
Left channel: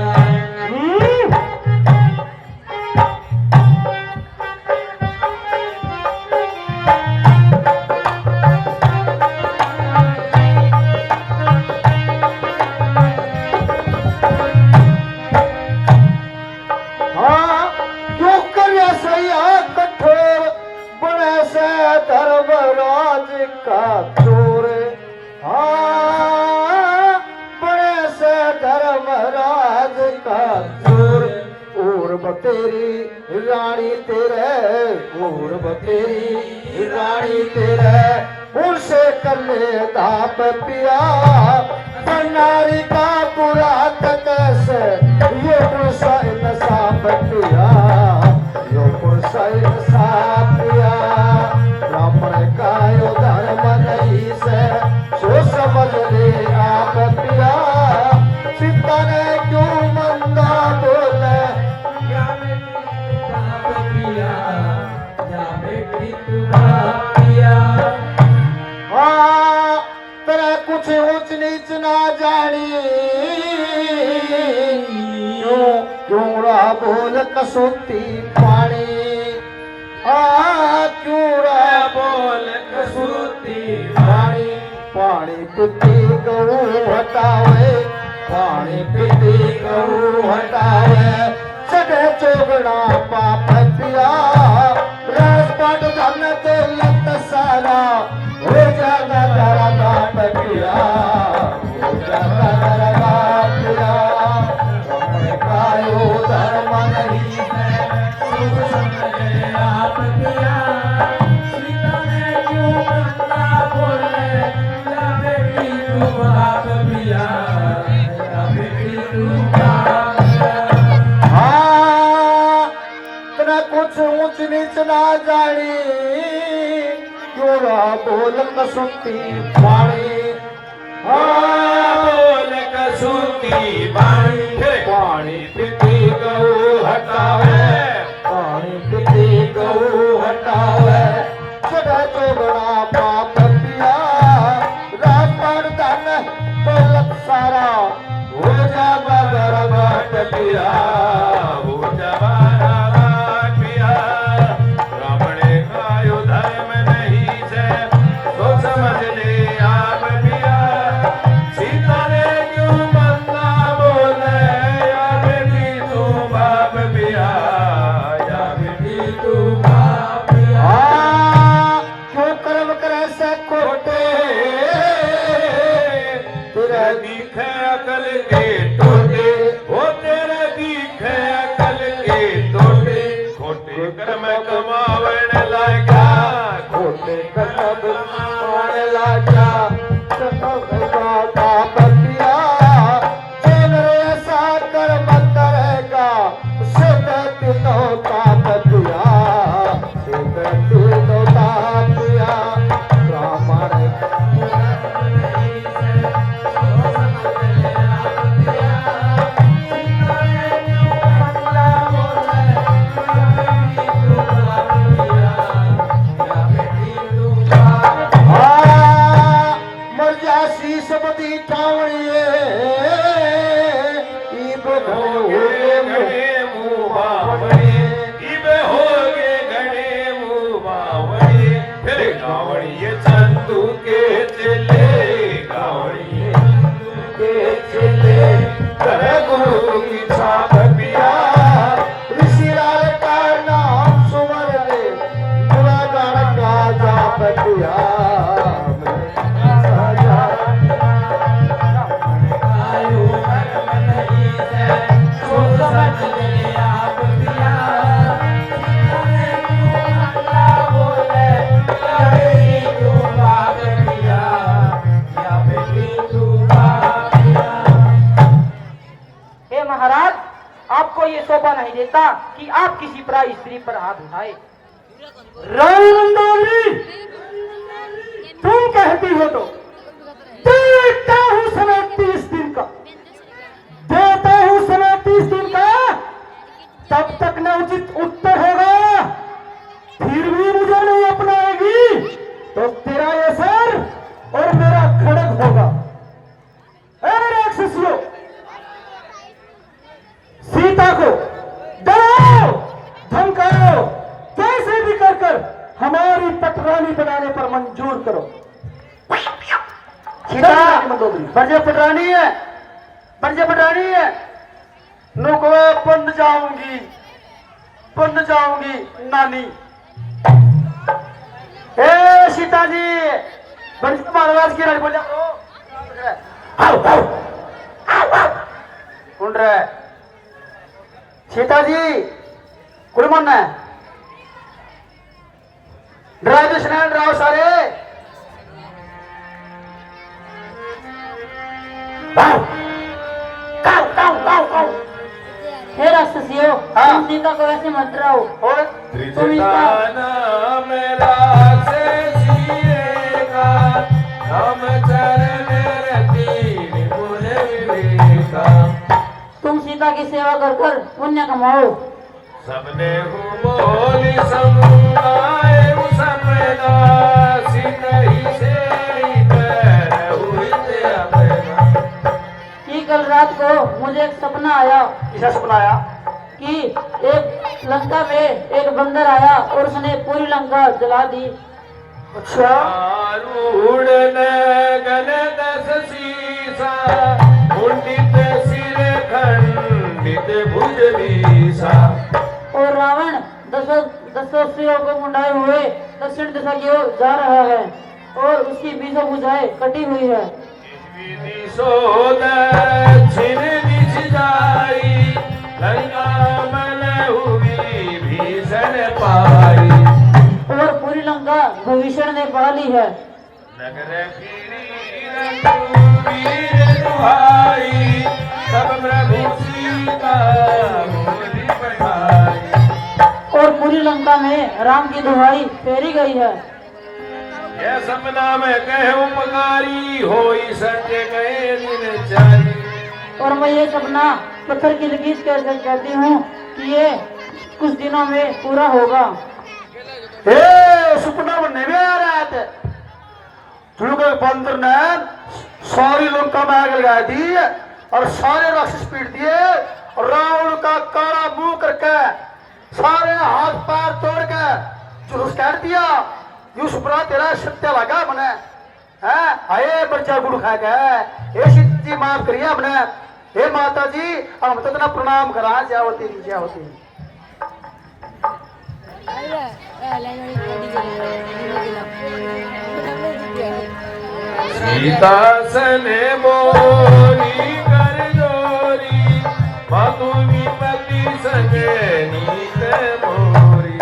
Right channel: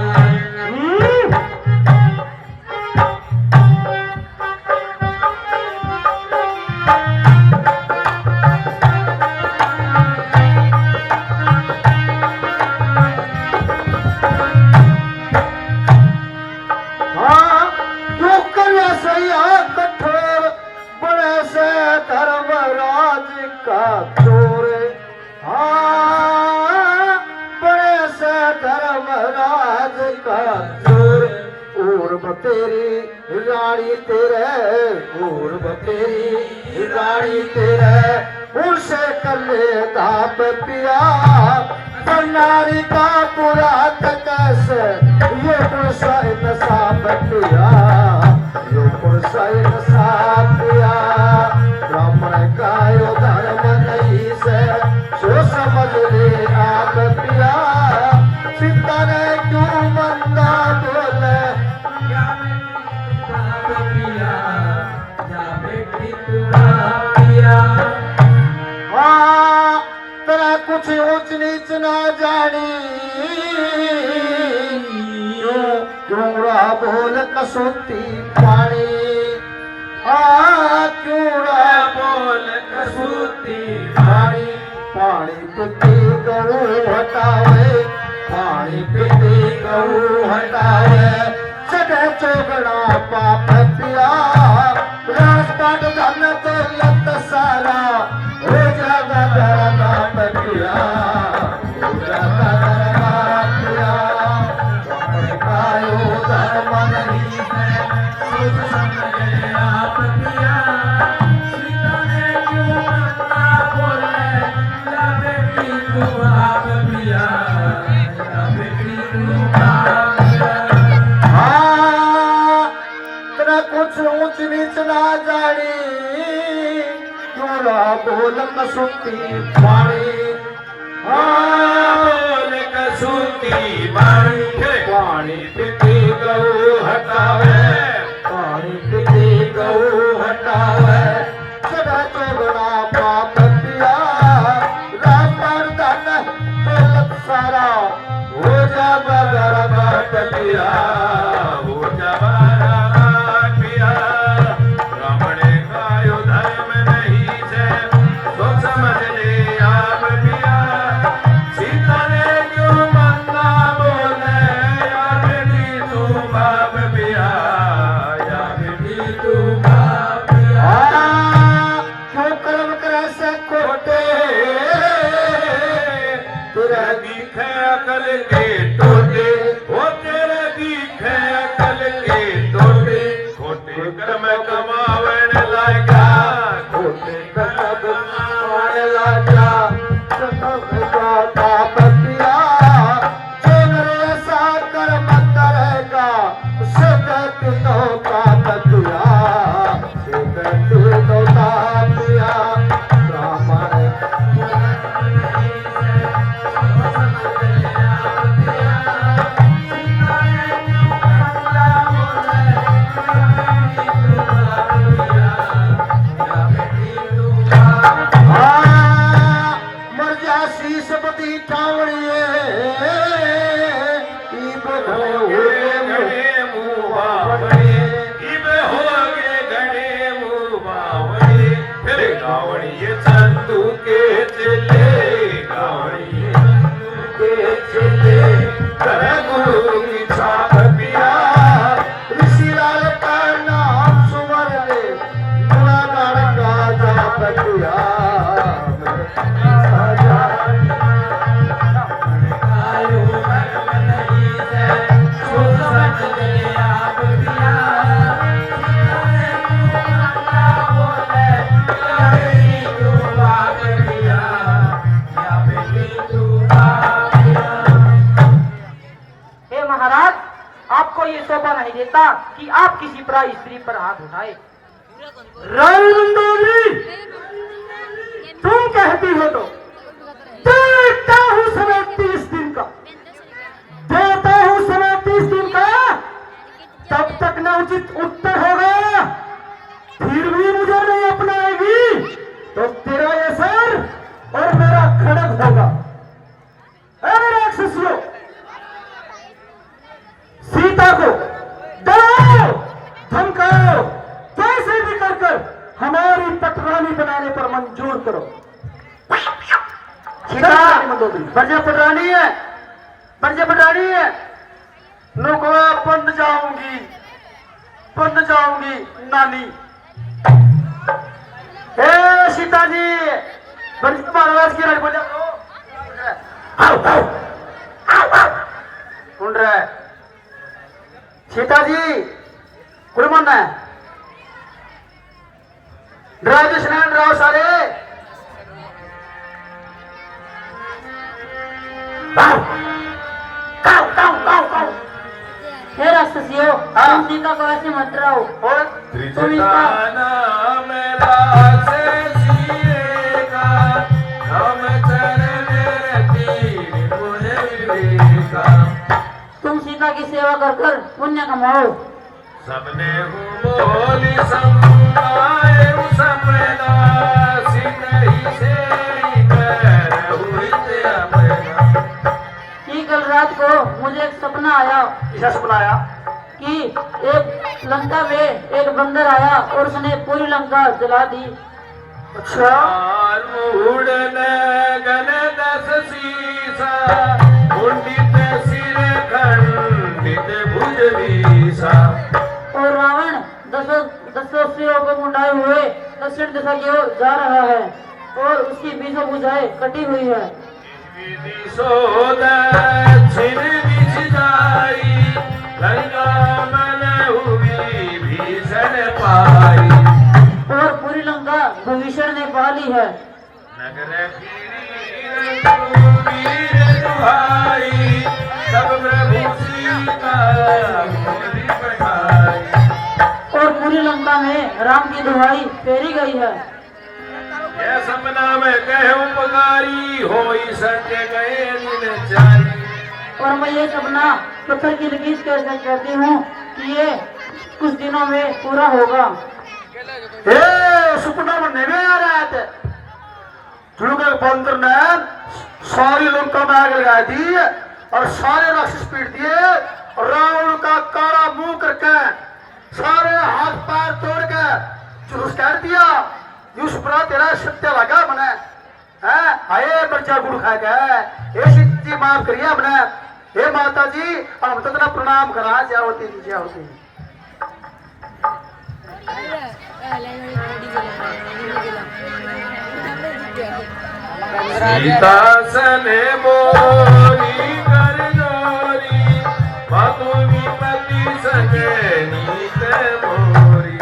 हाँ, क्यों कर ऐसा ही हाथ कठोर का चोर, हाँ बड़े से धर्मराज का चोर। पूर्व तेरी रानी तेरे, पूर्व तेरी रानी तेरे, उनसे कर ले दाप पिया। भंडारी का पूरा कैसे ये पुरसाइन साप पिया, ये पुरसाइन साप पिया। ब्राह्मण का यो धर्म नहीं से सो समझ ले आप पिया। सीता ने क्यों मंदा बोले, हाँ तेरा कुछ ऊंच नीच ना जानी, क्यों रहा बोल कसौती पानी। हाँ क्यों रहा बोल कसौती पानी। पानी पीती गऊ हटावे, पानी पीती गऊ हटावे। चढ़े चोगड़ा पाप पिया, राजपाट धन तो लत सारा, हो जागा जरा नाप पिया, हो जागा जरा नाप पिया। तुम्हें कायो धर्म नहीं है, सोच समझे आप पिया। सीता ने क्यों मंदा बोले, या बेटी तू बाप पिया, या बेटी तू बाप पिया। हाँ तेरा कुछ ऊंच नीच ना जानी, क्यों रहा बोल कसुती पानी। हाँ बोल कसुती पानी। पानी पीती गऊ हटावे, पानी पीती गऊ हटावे। चढ़ा चोगड़ा पाप पिया, राम पर धन दौलत सारा, हो जा बगर बाट पिया, हो जा बगर पिया। ब्राह्मण का यो धर्म नहीं से तो समझ ले आप पिया। सीता ने क्यों मंदा बोले, या बेटी तू बाप पिया, या बेटी तू बाप पिया। क्यों कर्म करे से खोटे, तेरा दिखे अकल के टोटे, वो तेरे दिखे अकल के टोटे। खोटे कर्म कमावन लागा, खोटे कर्म कमावन लागा। पाप पिया, जेल रे सा कर्म करेगा, सिद्ध तीनों पाप पिया, सिद्ध तीनों पाप पिया। ब्राह्मण चंदू के चले, गावड़िए के चले, गुरु की छाप पिया। ऋषिलाल का नाम सुवर ले, गुणागार का जाप पिया। हे महाराज, आपको ये शोभा नहीं देता कि आप किसी पराई स्त्री पर हाथ उठाए। रानी मंडोली, तुम कहती हो तो देता हूँ समय 30 दिन का, देता हूँ समय 30 दिन का। तब तक न उचित उत्तर होगा, फिर भी मुझे नहीं अपनाएगी तो तेरा ये सर और मेरा खड़ग होगा। अरे राक्षसियों, सीता को डराओ धमकाओ, कैसे भी कर हमारी पटरानी बनाने पर मंजूर करो। सीता बजे पटरानी है, बजे पटरानी है। नुकवा बंद जाऊंगी नानी। हे सीता जी, पंडित महाराज की लड़की बोला सुन रहे सीता जी कुड़मन है ड्राइव राव सारे हे राक्षसियों, तुम सीता को ऐसे मत डराओ। और तुम इसका नाम राक्षसिएगा, रामचरण रति विपुल विवेका। तुम सीता की सेवा कर कर पुण्य कमाओ। सबने बोली समुदाय सपना सीता ही से कि कल रात को मुझे एक सपना आया किसा सपना आया कि एक लंका में एक बंदर आया और उसने पूरी लंका जला दी। अच्छा उड़न गन दस सीसा उंडित सिर खंडित भुज बीसा। और रावण दसों सिरों को मुंडाए हुए दक्षिण दिशा की ओर जा रहा है और उसकी बीसों भुजाएं कटी हुई है। सोद छिन बिछ जाई लंका मन हुई भीषण पाई। और पूरी लंका भीषण ने पा ली है। नगर वीर दुहाई सब प्रभु सीता मोरी पठाई। और पूरी लंका में राम की दुहाई फेरी गई है। यह सपना में कहे उपकारी होई सत्य गए दिन चारी। और मैं ये सपना पत्थर की लकीर कहती हूँ कि ये कुछ दिनों में पूरा होगा। ए सपना में नहीं आ रहा थे जुड़ के बंदर ने सारी लंका में आग लगा दी और सारे राक्षस पीट दिए और रावण का काला मुंह करके सारे हाथ पैर तोड़ के जुलूस काट दिया। यू सुपरा तेरा सत्य लगा मने है आए बच्चा गुड़ खा के ऐसी जी माफ करिए हमने। हे माता जी हम तो इतना प्रणाम करा क्या होती क्या होती। सीता सने मोरी कर जोरी मधु विपति सके नीत मोरी।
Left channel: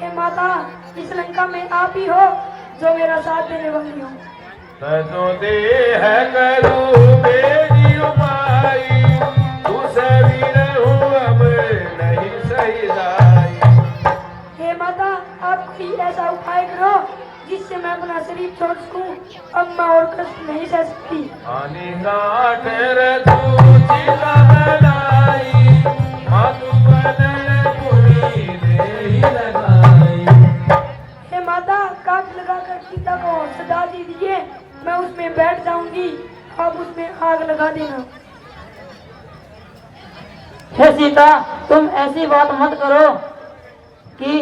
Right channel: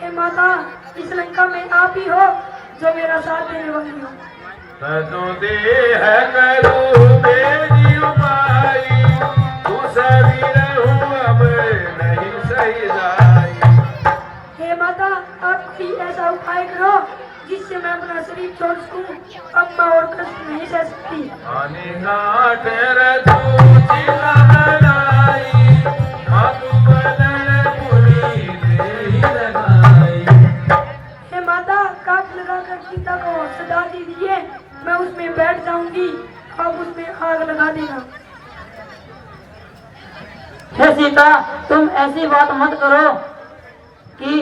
हे माता, इस लंका में आप ही हो जो मेरा साथ देने वाली हो। तजो देह करू मेरी उपाई उस वीर हूँ अब नहीं सही जाई। हे माता, आप भी ऐसा उपाय करो जिससे मैं अपना शरीर छोड़ सकूं। अब मैं और कष्ट नहीं सह सकती। हानि गांठ रतु चिता बनाई मधु बदन पुरी देहि लगाई। हे माता, काट लगाकर सीता को सजा दीजिए, मैं उसमें बैठ जाऊंगी, आप उसमें आग लगा देना। हे सीता, तुम ऐसी बात मत करो कि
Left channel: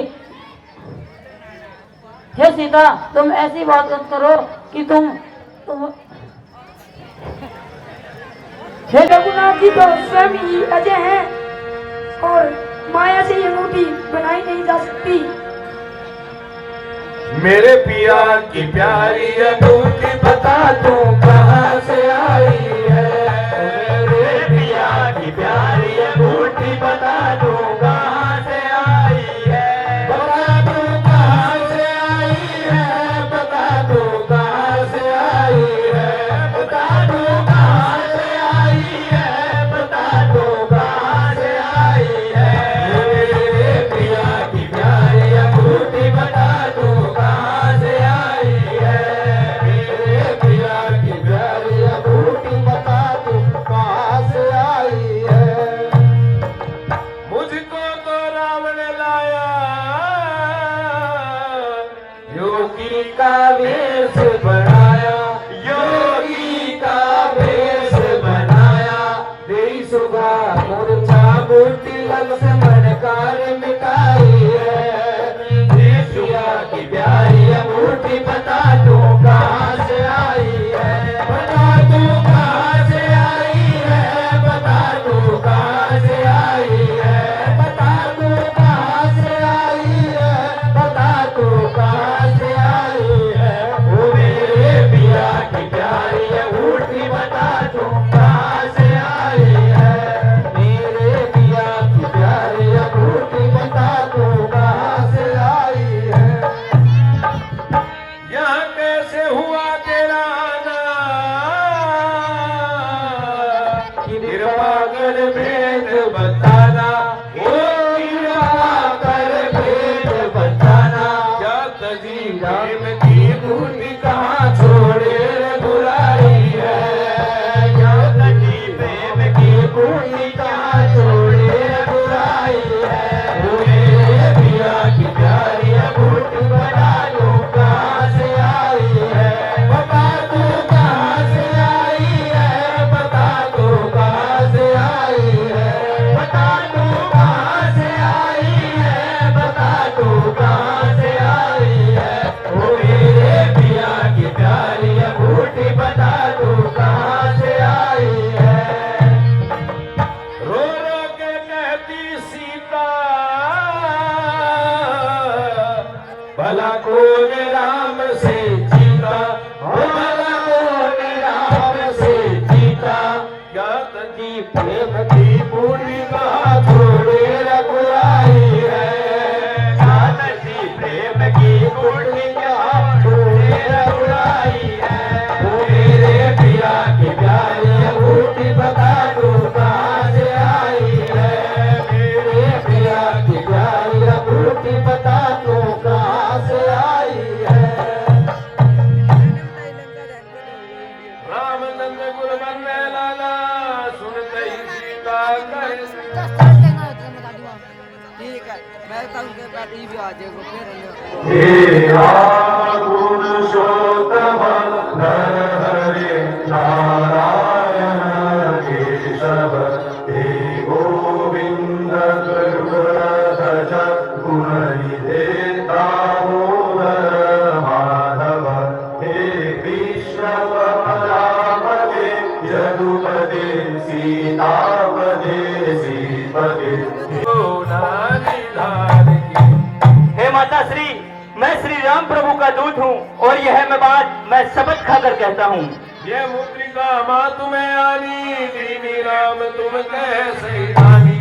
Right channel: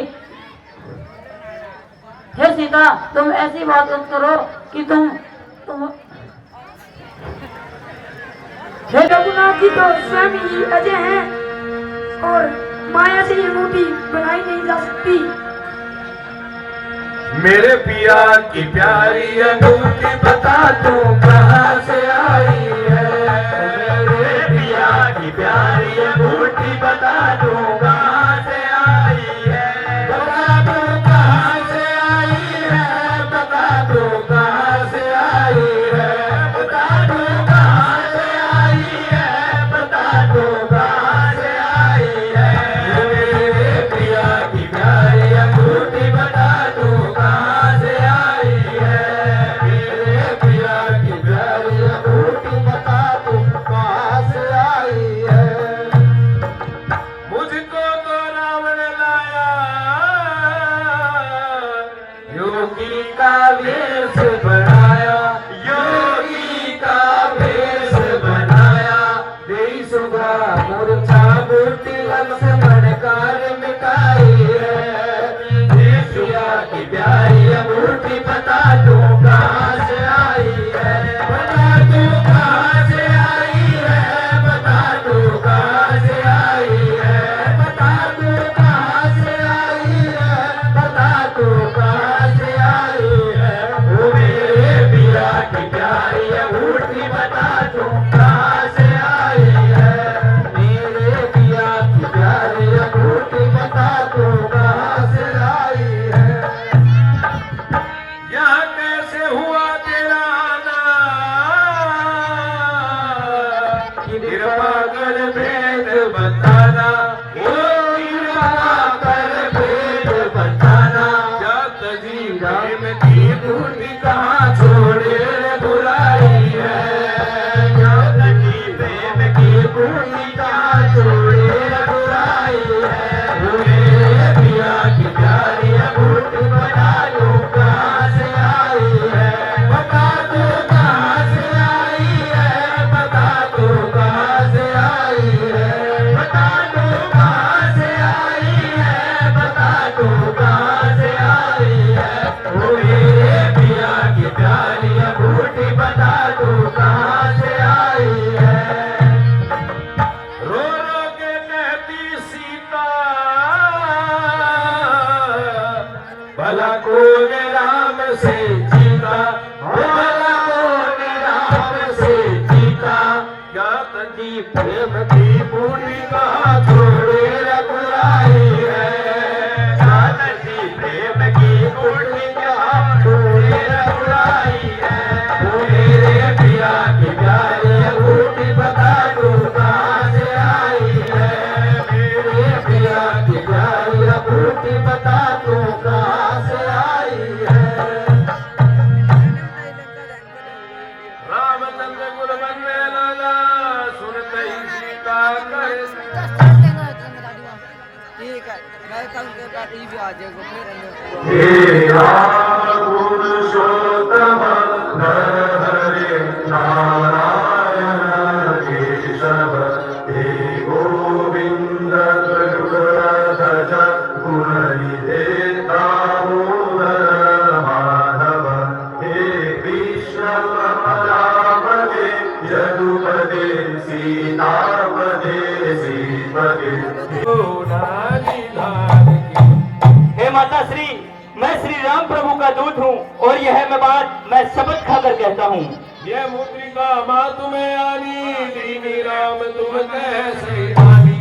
हे सीता, तुम ऐसी बात मत करो कि तुम हे रघुनाथ जी तो स्वयं ही अजय हैं और माया से ये मूर्ति बनाई नहीं जा सकती। मेरे पिया की प्यारी अंगूठी बता दूं कहाँ से आई है। मेरे पिया की प्यारी अंगूठी बता दूं कहाँ से आई है। बता दूं कहाँ से आई है। बता दूं कहाँ से आई है। बता दूं कहाँ से आई है। बता दूं कहाँ से आई है। मेरे पिया की प्यारी अंगूठी बता दूं कहाँ से आई है। मेरे पिया की प्यारी अंगूठी बता दूं कहाँ से आई है। मुझको तो रावण लाया योगी का वेश बनाया। योगी का वेश बनाया देई सुधा मूर्छा मूर्ति लक्ष्मण कार मिटाई है। पिया की प्यारी अंगूठी बता दूं कहाँ से आई है। बता दूं कहाँ से आई है। बता दूं कहाँ से आई है। बता दूं कहाँ से आई है। बता दूं कहाँ से आई है। प्रेम की बूटी कहाँ छोड़े बुराई है, ज्ञान की प्रेम की बूटी कहाँ छोड़े बुराई है, मेरे पिया की प्यारी बूटी बना लो कहाँ से आई है, बता दो कहाँ से आई है, बता दो कहाँ से आई है, बता दो कहाँ से आई है, बता दो कहाँ से आई है, ओ मेरे पिया की प्यारी बूटी बता दो कहाँ से आई है। रो रो के कहती सीता, भला कौन राम से जीता, भला कौन राम से जीता, क्या तजी प्रेम की बूटी कहाँ छोड़े रघुराई है, क्या तजी प्रेम की बूटी कहाँ छोड़े रघुराई है, ओ मेरे पिया की प्यारी बूटी बता दो कहाँ से आई है, मेरे पिया की प्यारी बूटी बता दो कहाँ से आई है। रामचंद्र गुरु बनने लाला, सुनते ही सीता कहे, ठीक है, मैं कल के बाद ही भी आ जाएगा फिर हे राम पुरुषोत्तम नर हरे नारायण केशव, हे गोविंद गरुड़ध्वज गुणनिधे दामोदर माधव, हे कृष्ण पदापते यदुपदे सीतापदे श्रीपदे। हे माता श्री, मैं श्री राम प्रभु का दूत हूँ और यह मैं शपथ खाकर कहता हूँ। ये मुद्रिका माँ तुम्हें आनी, दीनी राम तुम कैसे आनी।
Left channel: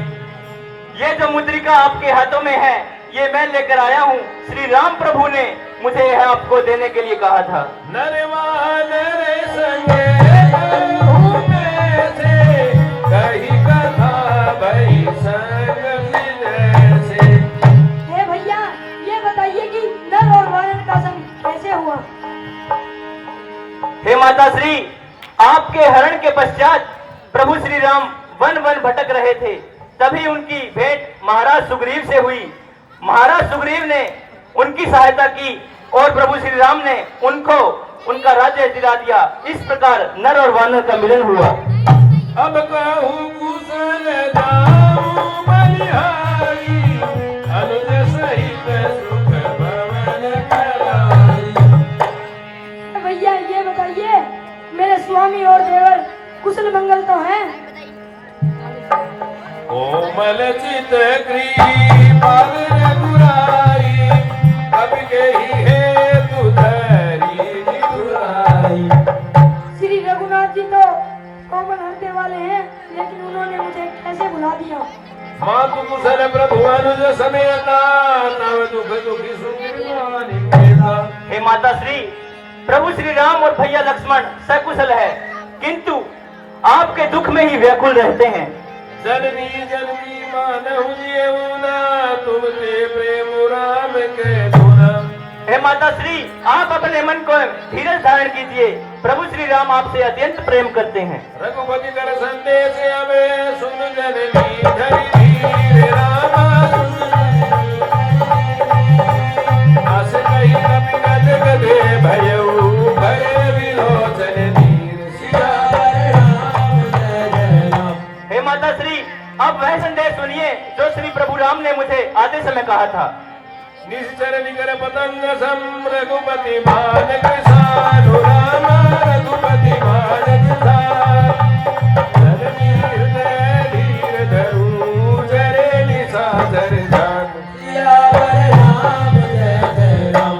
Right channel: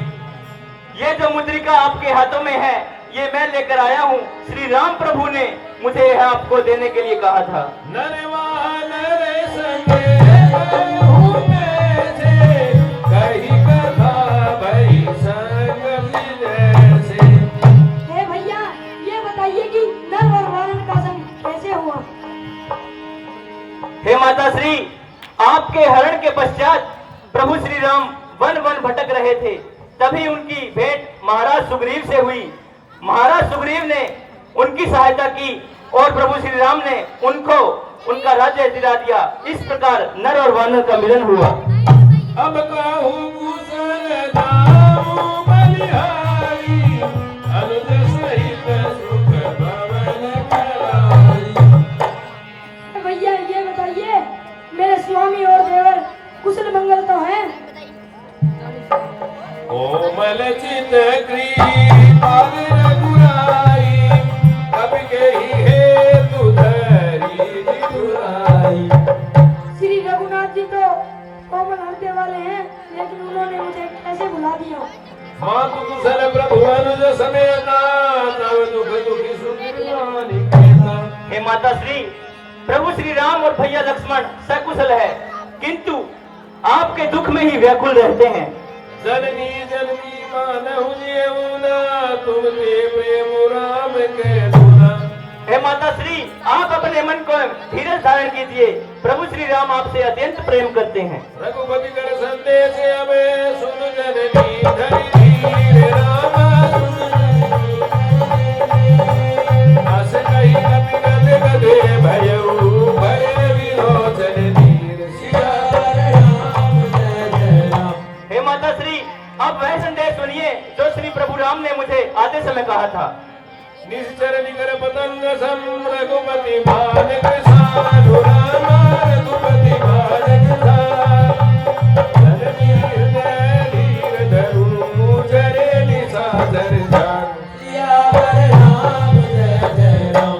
ये जो मुद्रिका आपके हाथों में है, ये मैं लेकर आया हूँ। श्री राम प्रभु ने मुझे यह आपको देने के लिए कहा था। नरवा नर संगे कहूँ कैसे, कही कथा भई संग मिले से। हे भैया, ये बताइए कि नर और वानर का संग कैसे हुआ? हे माता श्री, आपके हरण के पश्चात प्रभु श्री राम वन वन भटक रहे थे, तभी उनकी भेंट महाराज सुग्रीव से हुई। महाराज सुग्रीव ने उनकी सहायता की और प्रभु श्री राम ने उनको उनका राज्य दिला दिया। इस प्रकार नर और वानर का मिलन हुआ। अब कहूँ कुशल जाऊँ बलिहारी, अनुज सहित सुख भवन कराई। भैया ये बताइए, मेरे स्वामी और देवर कुशल मंगल तो हैं? कोमल चित कृपाल रघुराई, अब के ही हेतु धरी निधुराई। श्री रघुनाथ जी तो कोमल हृदय वाले हैं, लेकिन उन्होंने मुझे कैसे भुला दिया? मातु कुशल प्रभु अनुज समेता, तव दुख दुखी सुखी केता। हे माता श्री, प्रभु श्री राम और भैया लक्ष्मण सकुशल है, किंतु आपके दुख में ही व्याकुल रहते हैं। जननी जननी मानहु जीवना, तुम ते प्रेम राम के गुना। हे माता श्री, आप अपने मन को धीरज धारण कीजिए। प्रभु श्री राम आपसे अत्यंत प्रेम करते हैं। रघुपति कर संदेश अबे, सुन जननी धरि धीर रामा सुन। अस कही कपि गदे भयउ, भय विलोचन धीर सिया राम जय जय राम। हे माता श्री, अब वह संदेश सुनिए जो श्री प्रभु राम ने मुझे आते समय कहा था। निश्चर निकर पतंग सम, रघुपति बाल कृसानु रामा, रघुपति बाल कृसानु। जननी हृदय धीर धरू, चरे निसाचर जान। सिया राम जय जय राम।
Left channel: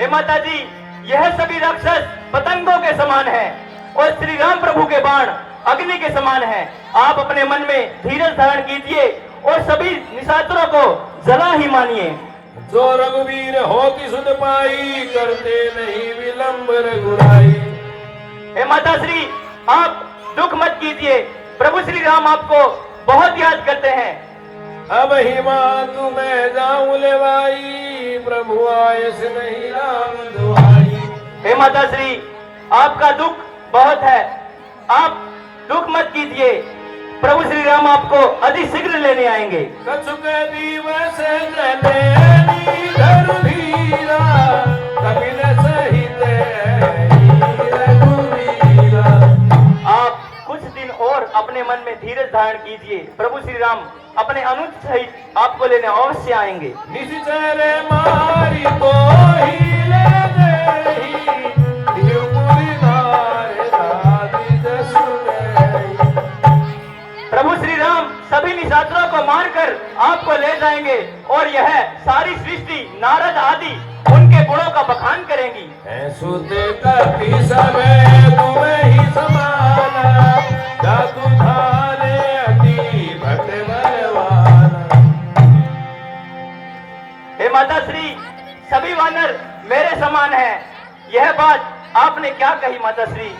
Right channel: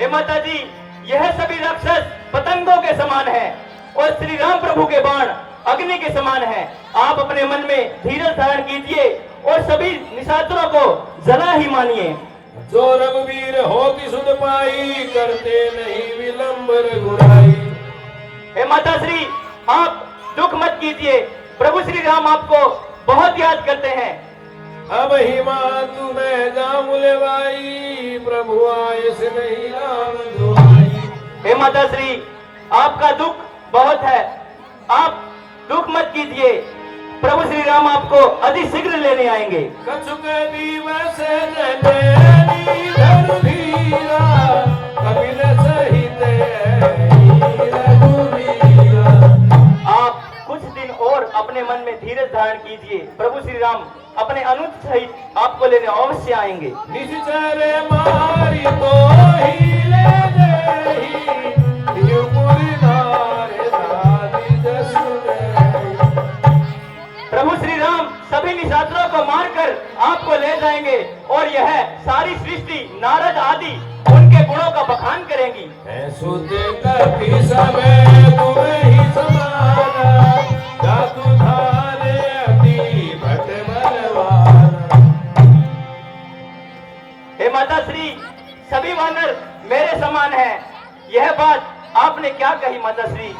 हे माता जी, यह सभी राक्षस पतंगों के समान है और श्री राम प्रभु के बाण अग्नि के समान है। आप अपने मन में धीरज धारण कीजिए और सभी निशाचरों को जला ही मानिए। जो रघुवीर हो कि सुध पाई, करते नहीं विलंब रघुराई। हे माता श्री, आप दुख मत कीजिए, प्रभु श्री राम आपको बहुत याद करते हैं। अब ही माँ तुम्हें जाऊं ले भाई, प्रभु आए से नहीं राम माता श्री, आपका दुख बहुत है, आप दुख मत कीजिए, प्रभु श्री राम आपको अति शीघ्र लेने आएंगे। कछुक दिवस जले धीरा कपिल सहित रघुवीरा। आप कुछ दिन और अपने मन में धीरज धारण कीजिए, प्रभु श्री राम अपने अनुज सहित आपको लेने अवश्य आएंगे। निश्चर मारी तो ही ले गई प्रभु श्री राम सभी निशाचरों को मारकर आपको ले जाएंगे और यह सारी सृष्टि नारद आदि उनके गुणों का बखान करेंगी। सुत कपि सबे तुम्हें ही समाना, जातु धारे अति भक्त बलवाना। हे माता श्री, सभी वानर मेरे समान हैं। यह बात आपने क्या कही माता श्री?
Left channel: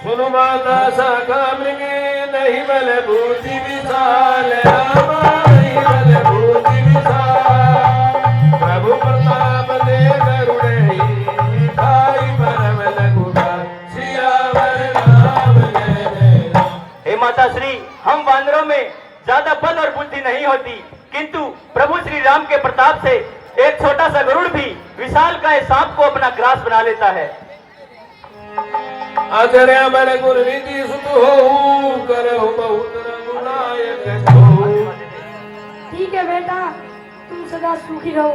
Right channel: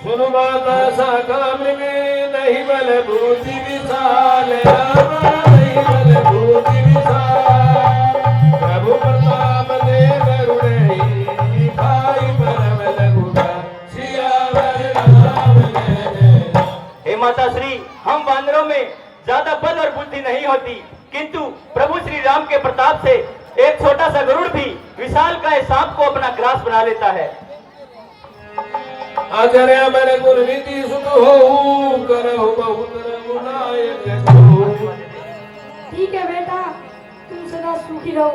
सुनु माता शाखा मृगे नहीं बल भूति विशाल, नहीं बल भूति विशाल। प्रभु प्रताप दे करुणे भाई परम लघुराज, सियावर रामचंद्र। हे माता श्री, हम वानरों में ज्यादा बल और बुद्धि नहीं होती, किंतु प्रभु श्री राम के प्रताप से एक छोटा सा गरुड़ भी विशाल का सांप को अपना ग्रास बना लेता है। आचार्य मन गुरविधि सुख हो, करहु बहुत रघुनायक हो। ठीक है बेटा, तुम सदा सुखी रहो।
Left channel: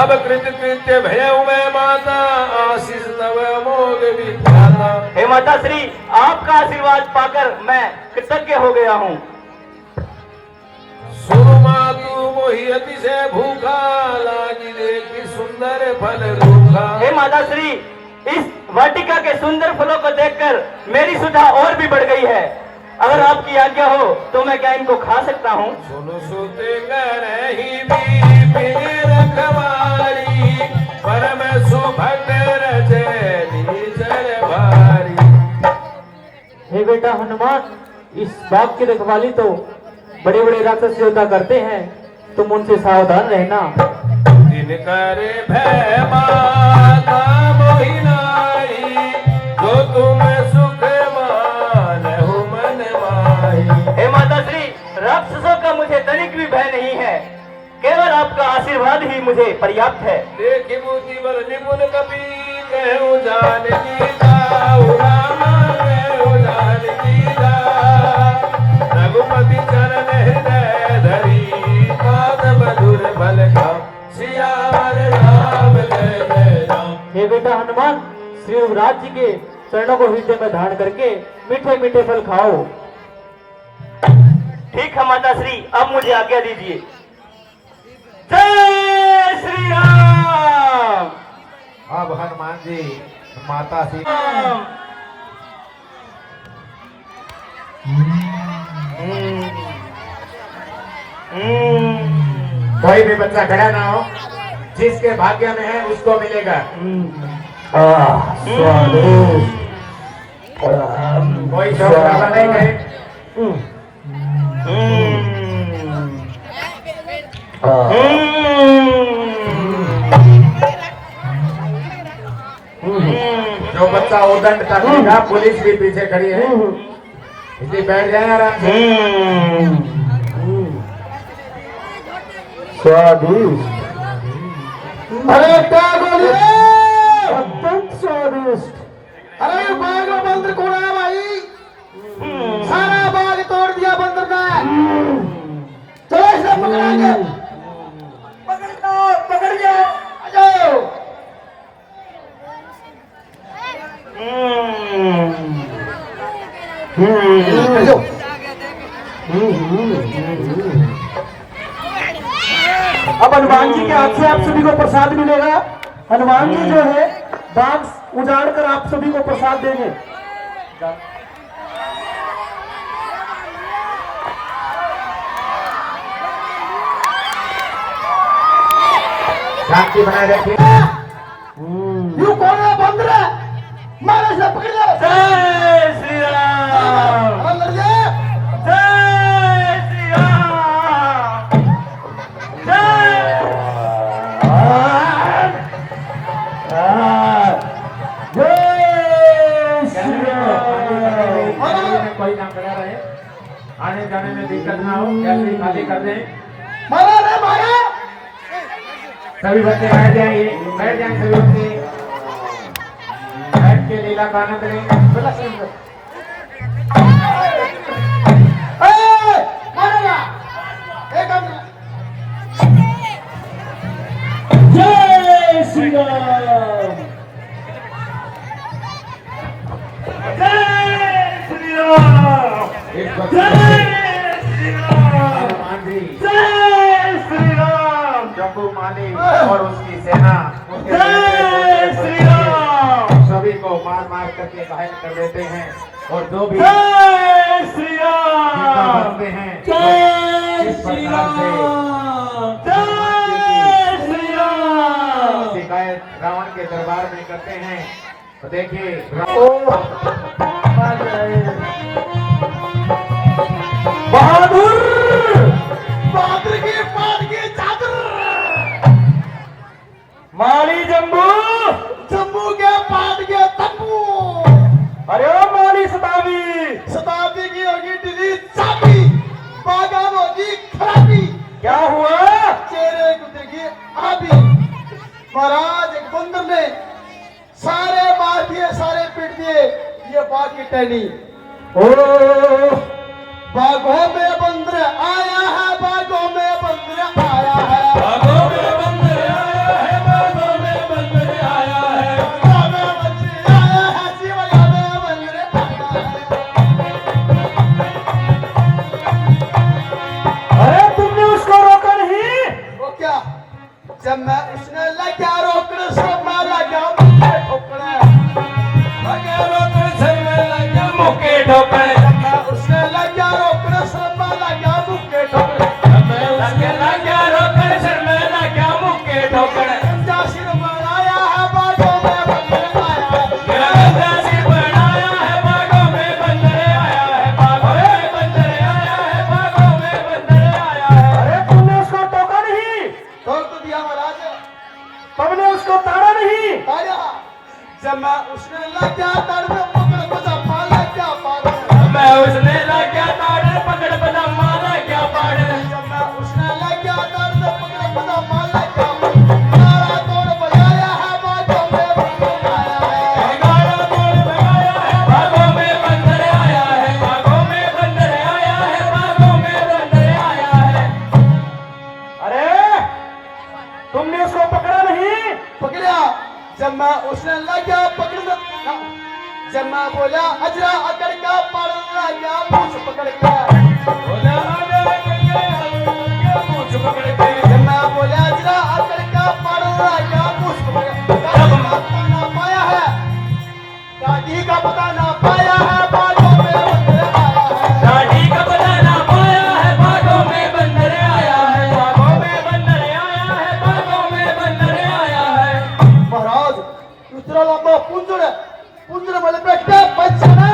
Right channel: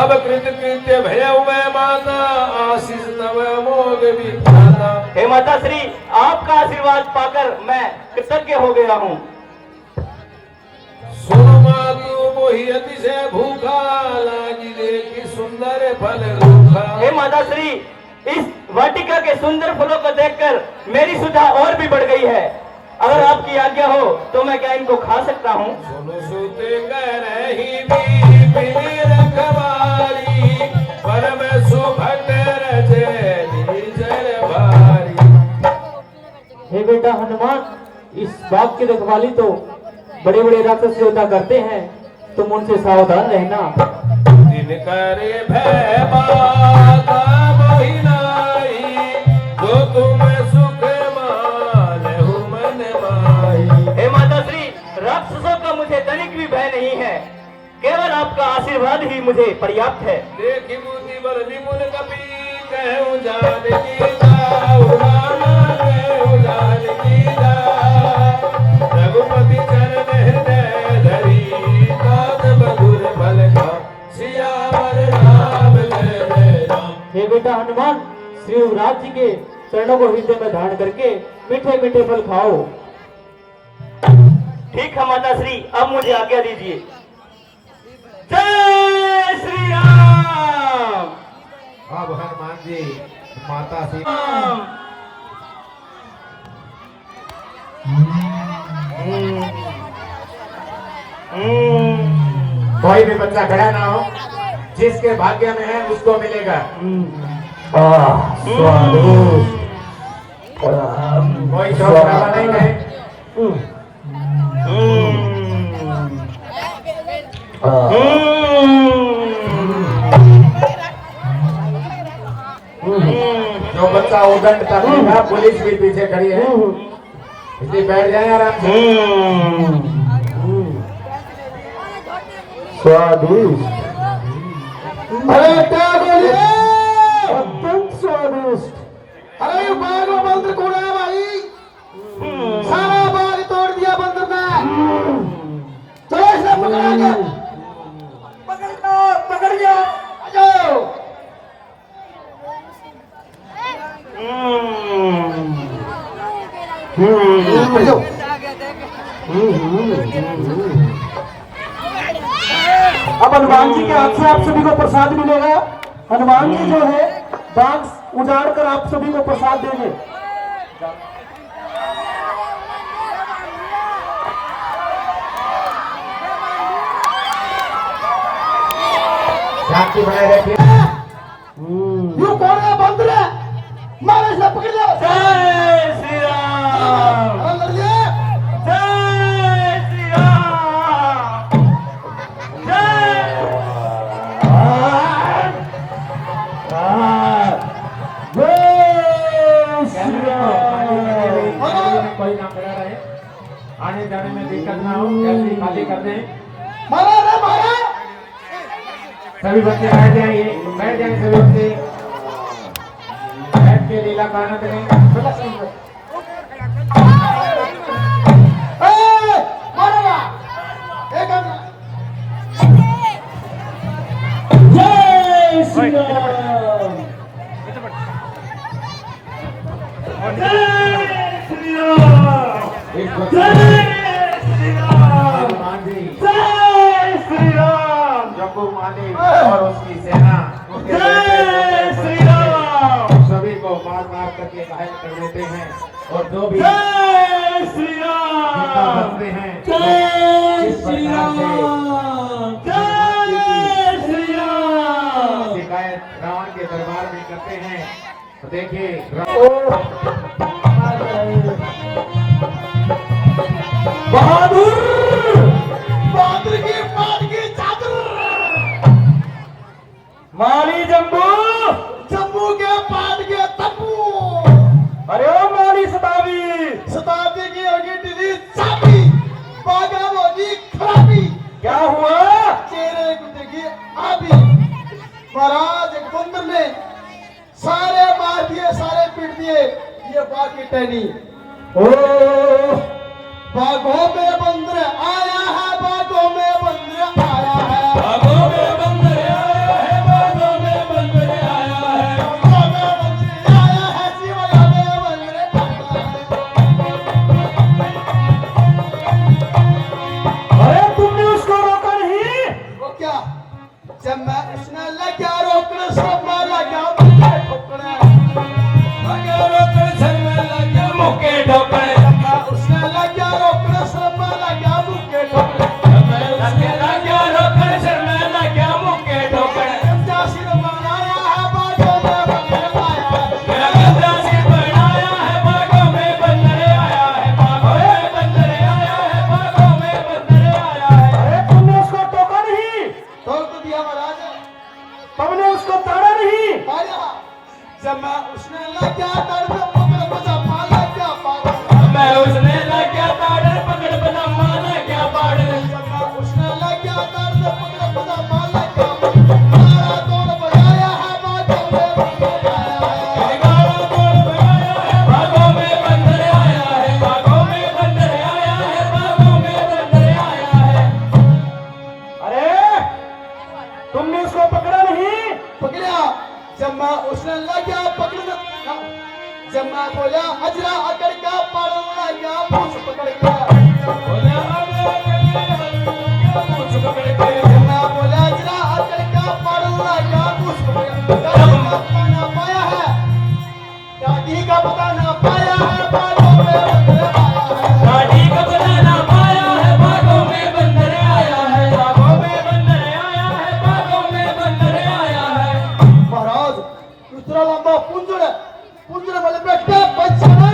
अब कृत्य भयउ मैं माता, आशीष तव मोग विधाता। हे माता श्री, आपका आशीर्वाद पाकर मैं कृतज्ञ हो गया हूँ। सुनु मातु मोहि अतिशय भूखा, लागी देखी सुंदर फल रूखा। हे माता श्री, इस वाटिका के सुंदर फलों को देखकर मेरी सुधा और भी बढ़ गई है। अगर आपकी आज्ञा हो तो मैं क्या इनको खा सकता हूँ? सुनु सुत करहि बीपी रखवारी, परम सुभग रजै निजर भारी। हे बेटा हनुमान, इस बाग की रखवाली तो बड़े बड़े राक्षस योद्धा करते हैं, तुम उनसे सावधान रहना। दिन करे भय माता मोहि नाई, जो तुम सुख मानहु मन माही। हे माता श्री, राक्षसों का मुझे तनिक भी भय नहीं है, केवल आपका आशीर्वाद ही मुझे पर्याप्त है। देखि बुद्धि बल निपुण कपि, कहूँ जानकी जाऊ रामा, कहूँ जानकी जाऊ। रघुपति चरण हृदय धरी, तात मधुर फल खाऊ, सियावर रामचंद्र राम। हे बेटा हनुमान, श्री युवराज जी के चरणों को हृदय में धारण करके मीठे मीठे फल खाओ। ठीक है माता श्री, अब मुझे आज्ञा दीजिए। जय श्री राम। अब हनुमान जी माता सी कोई भी बच्चा खड़ा ना हो, जिसके भाग्य में है उसको मिलेगा। कोई शौक नहीं करे। जो बच्चा उदंड तकलीफ, पुलिस भी पीछे खड़ी है, इसलिए बैठ जाए आराम से। स्वादिष्ट, अरे क्या बोलिए, अत्यंत स्वादिष्ट। अरे बाघ में बंदर कौन है भाई? सारा बाघ तोड़ दिया बंदर का। चलो इसे पकड़ा के, पकड़ लो, आ जाओ। अब हनुमान जी के हाथ से आप सभी को प्रसाद मिलेगा। हनुमान जी जो है बाग उजाड़ कर आप सभी को प्रसाद देंगे। शांति बनाए रखिए। यू कौन है बंदर है? मारे से पकड़ लो। जय श्री राम। अंदर ले। जय श्री राम। जय। में दिक्कत ना हो, जल्दी खाली कर दें। मारा रे मारा। सभी बच्चे बैठ जाएंगे सभी बच्चे बैठ के लीला का आनंद लें। मारेगा एक हम जय श्री राम, जय श्री राम, एक जय श्री राम, मांझी जय श्री राम, जम्बू माली और उसकी सेना उसके जय बेटे, श्री राम, सभी को मार मार करके घायल कर देते हैं और जो भी जय श्री जिंदा राम, बचते हैं जय इस श्री प्रकार से राम, जय श्री राम। शिकायत रावण के दरबार में करते हैं। तो देखिए बहादुर, बहादुर की पान की चादर, माली जम्बू, जम्मू के पान के तंबू, अरे ओ माली सतावी, शताब्दी की होगी दिल्ली चाबी, बागा होगी खराबी, क्या हुआ? चेहरे कुत्ते की आबी। महाराज एक बंदर ने सारे मार दिए, सारे पीट दिए, ये बाघ की टहनी। ओ बाघों में बंदर आया है, बाघों में बंदर आया है, बागों में बंदर आया है, बागों में बंदर आया है, बाघों में बंदर आया है, शिवगा में बंदर आया है। अरे तुमने उसको रोका नहीं? वो क्या? जब मैं उसने लगा रोकने, सब मैं लगा मुझे ठोकने, लगा रोकने से मैं लगा मुके ठोकने, उसने लगा रोकने, सब मैं लगा मुझे ठोकने। मैं उसके लगा रोकने से मैं लगा मुके ठोकने, गंजा सिर बनाया है, बाघों में बंदर आया है, मेरा गंदा सिर बनाया है, बागों में बंदर आया है, बागों में बंदर आया है, बागों में बंदर आया है। अरे तुमने उसको टोका नहीं? ठोक तो दिया महाराज। तुमने उसको ताड़ा नहीं? आया जब मैं उसने लगा दर्द पकड़ बजा पाला क्या पागल। मैं उसने लगा ताड़े पकड़ पजामा लगा पाड़े, जब मैं उसने लगा दर्द पकड़ बजा पाला क्या पागल। नारा तोड़ बजाया है, बाघों में बंदर आया है, गाड़ा तोड़ लगाया है, बागों में बंदर आया है, बागों में बंदर आया है, बागों में बंदर आया है। अरे तुमने उसको पकड़ा नहीं? पकड़ा। जब मैं उसने लगा पकड़ना, जब मैं बोला अजरा अकड़ का पड़ लगा मुझ पकड़ का, बोला आजा करके मुझ पकड़ के, जब मैं बोला अजरा अकड़ का पड़ लगा मुझ पकड़ का, ना पाया है, दादी का पता ना पाया है, बाघों में बंदर आया है, दाढ़ी का पता ना पाया है, बागों में बंदर आया है, बागों में बंदर आया है, बागों में बंदर आया है। महाराज दूसरा लंबा पुंजड़, पुंजड़ वाले बैठा बचना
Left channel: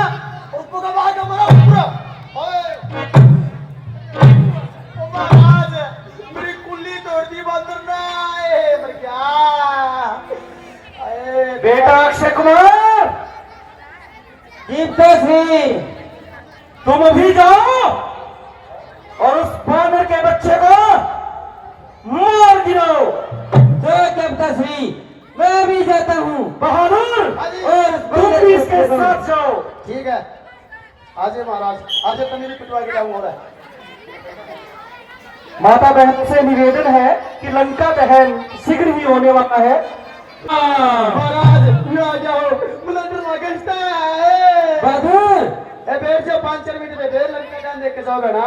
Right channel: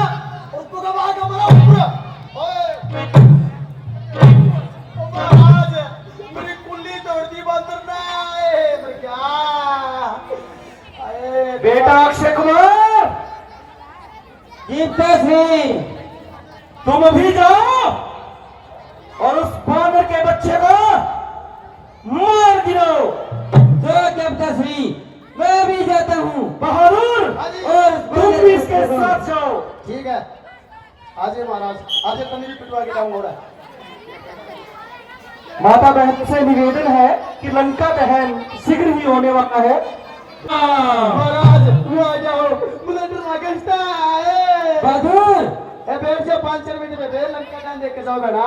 उसको गवा का मारा पूरा। ओए महाराज मेरी कुल्ली तोड़ दी बंदर ने, मर गया। अरे बेटा अक्षय कुमार, तुम अभी जाओ और उस बानर के बच्चे को मार गिराओ। मैं भी जाता हूँ। बहादुर, और तुम भी इसके साथ जाओ। ठीक है, आज महाराज आज तो मेरी पिटवा के लाऊं हो रहा है। माता बहन से निवेदन है कि लंका दहन शीघ्र ही होने वाला है। महाराज ये आ जाओ, मुझे डर लगता है। बहादुर, ए बैठ जाओ 5-4 मिनट में, फिर लंका डाल देख के जाओगे ना।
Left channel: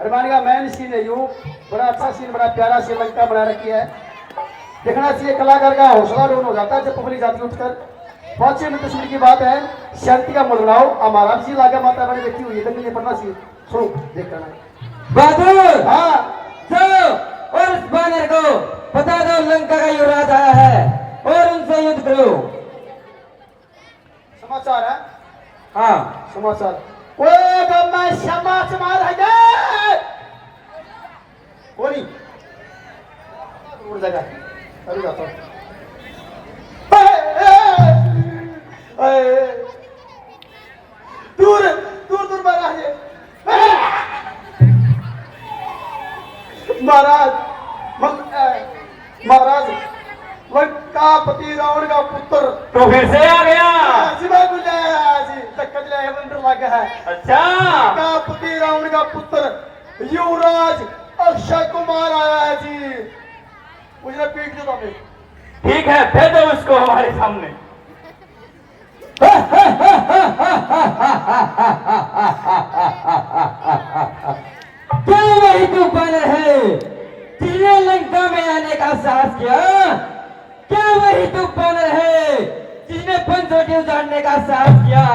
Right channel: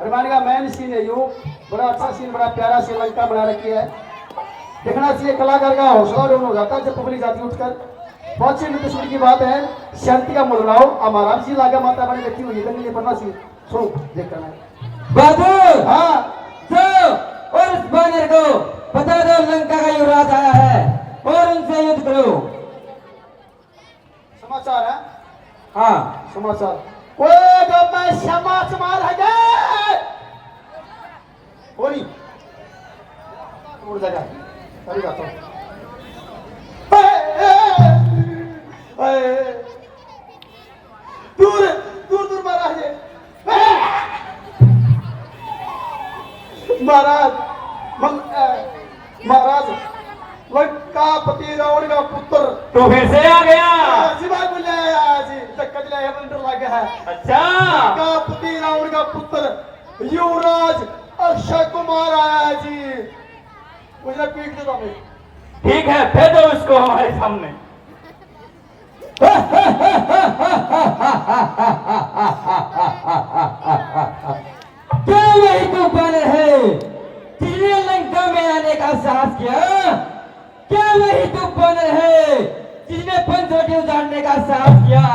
हनुमान का मैन सीन है, यूं बड़ा अच्छा सीन, बड़ा प्यारा सी लंका बना रखी है। देखना चाहिए, कलाकार का हौसला डाउन हो जाता है जब पब्लिक जाती उठकर। 5-6 मिनट तस्वीर की बात है, शांति का मोल लाओ। महाराज जी लागा माता बने बैठी हुई है, ये पढ़ना चाहिए। सुनो देख करना। बहादुर, हाँ जाओ और उस बानर को बता दो लंका का युवराज आया है और उनसे युद्ध करो। समाचार है, हाँ, समाचार। वो जब मैं समाचार है गए बोली मुड़ लगा अरे जाता दूर दूर दूर महाराज पति रावण का पुत्र तू फिर से आ गया। शिवा बुलाया जी चक्कर लाया बंदर लगा है। अच्छा, का पति रावण का पुत्र युवराज अक्षय कुमार आया जी। मुझे पीट दो तुम्हें। ठीक है, भेजो उसको हमारे सामने। क्या वही तो बानर है जिसने लंका में आने का साहस किया? क्या वही तो बानर है जिसने पंचवटी उजाड़ने का साहस किया?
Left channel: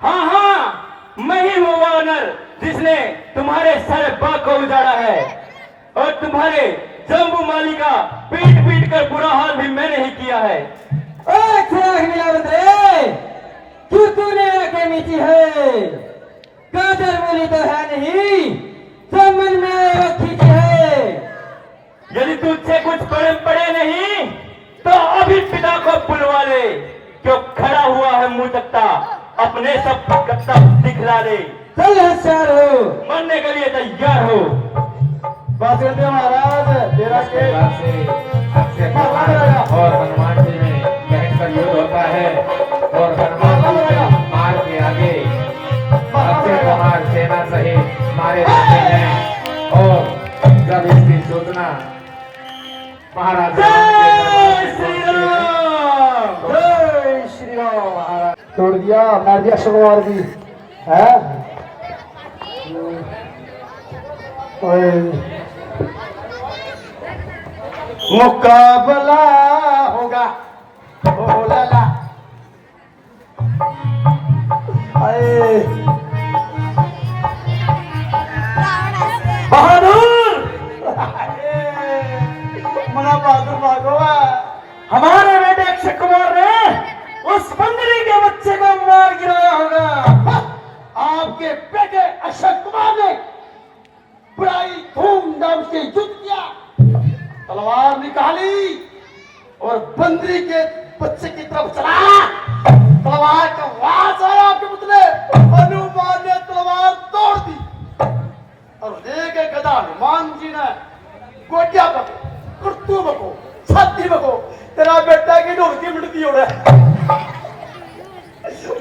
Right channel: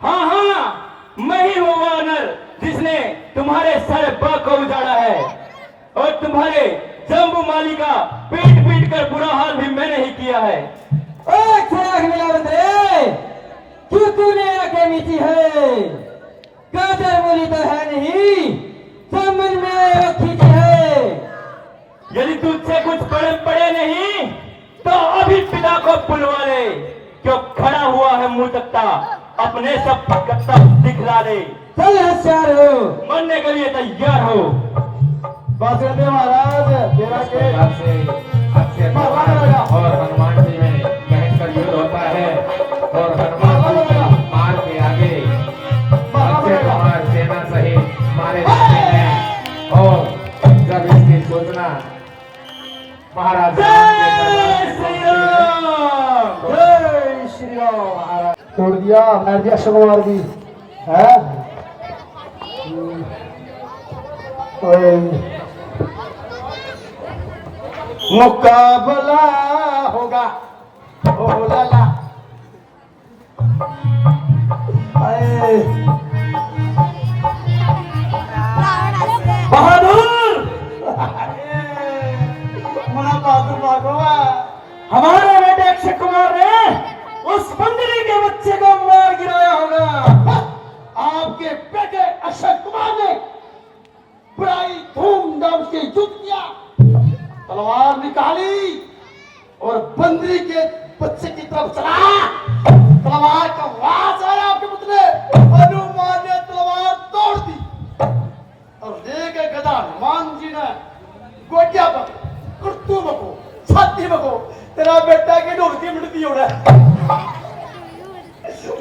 हाँ हाँ, मैं ही वो वानर जिसने तुम्हारे सारे बाग को उजाड़ा है और तुम्हारे जम्बू माली का पीट पीट कर बुरा हाल भी मैंने ही किया है। क्यों तूने आके मीठी है? काजल बोली तो है नहीं, समझ में आए वो खींची है। यदि तुझसे कुछ पड़े नहीं तो अभी पिता को बुलवा ले, क्यों खड़ा हुआ है मुंह तकता, अपने सब कत्ता दिखला दे। चल होशियार हो, मरने के लिए तैयार हो। बस कहते महाराज तेरा के अक्षय कुमार और हनुमान जी में भयंकर युद्ध होता है और हनुमान जी की मार के आगे अक्षय कुमार सेना सहित मारे जाते हैं। और जब इसकी सूचना महाराज जय श्री राम। जय श्री राम। तोड़ दिया मार दिया अक्षय कुमार भी है। मुकाबला होगा ओ लाला। बहादुर, मना बहादुर भागो। हमारे बेटे अक्षय कुमार ने उस बंदरी के बच्चे को मार गिराया होगा। आपके बेटे अक्षय कुमार ने बड़ी धूमधाम से युद्ध किया, तलवार निकाली और बंदरी के बच्चे की तरफ चला। तलवार का वास आया आपके पुतले, हनुमान ने तलवार तोड़ दी और लेके गदा हनुमान जी ने गोटिया पको, कुर्तू पको, छाती पको, तेरा बेटा की ढोलकी मिटती हो रहा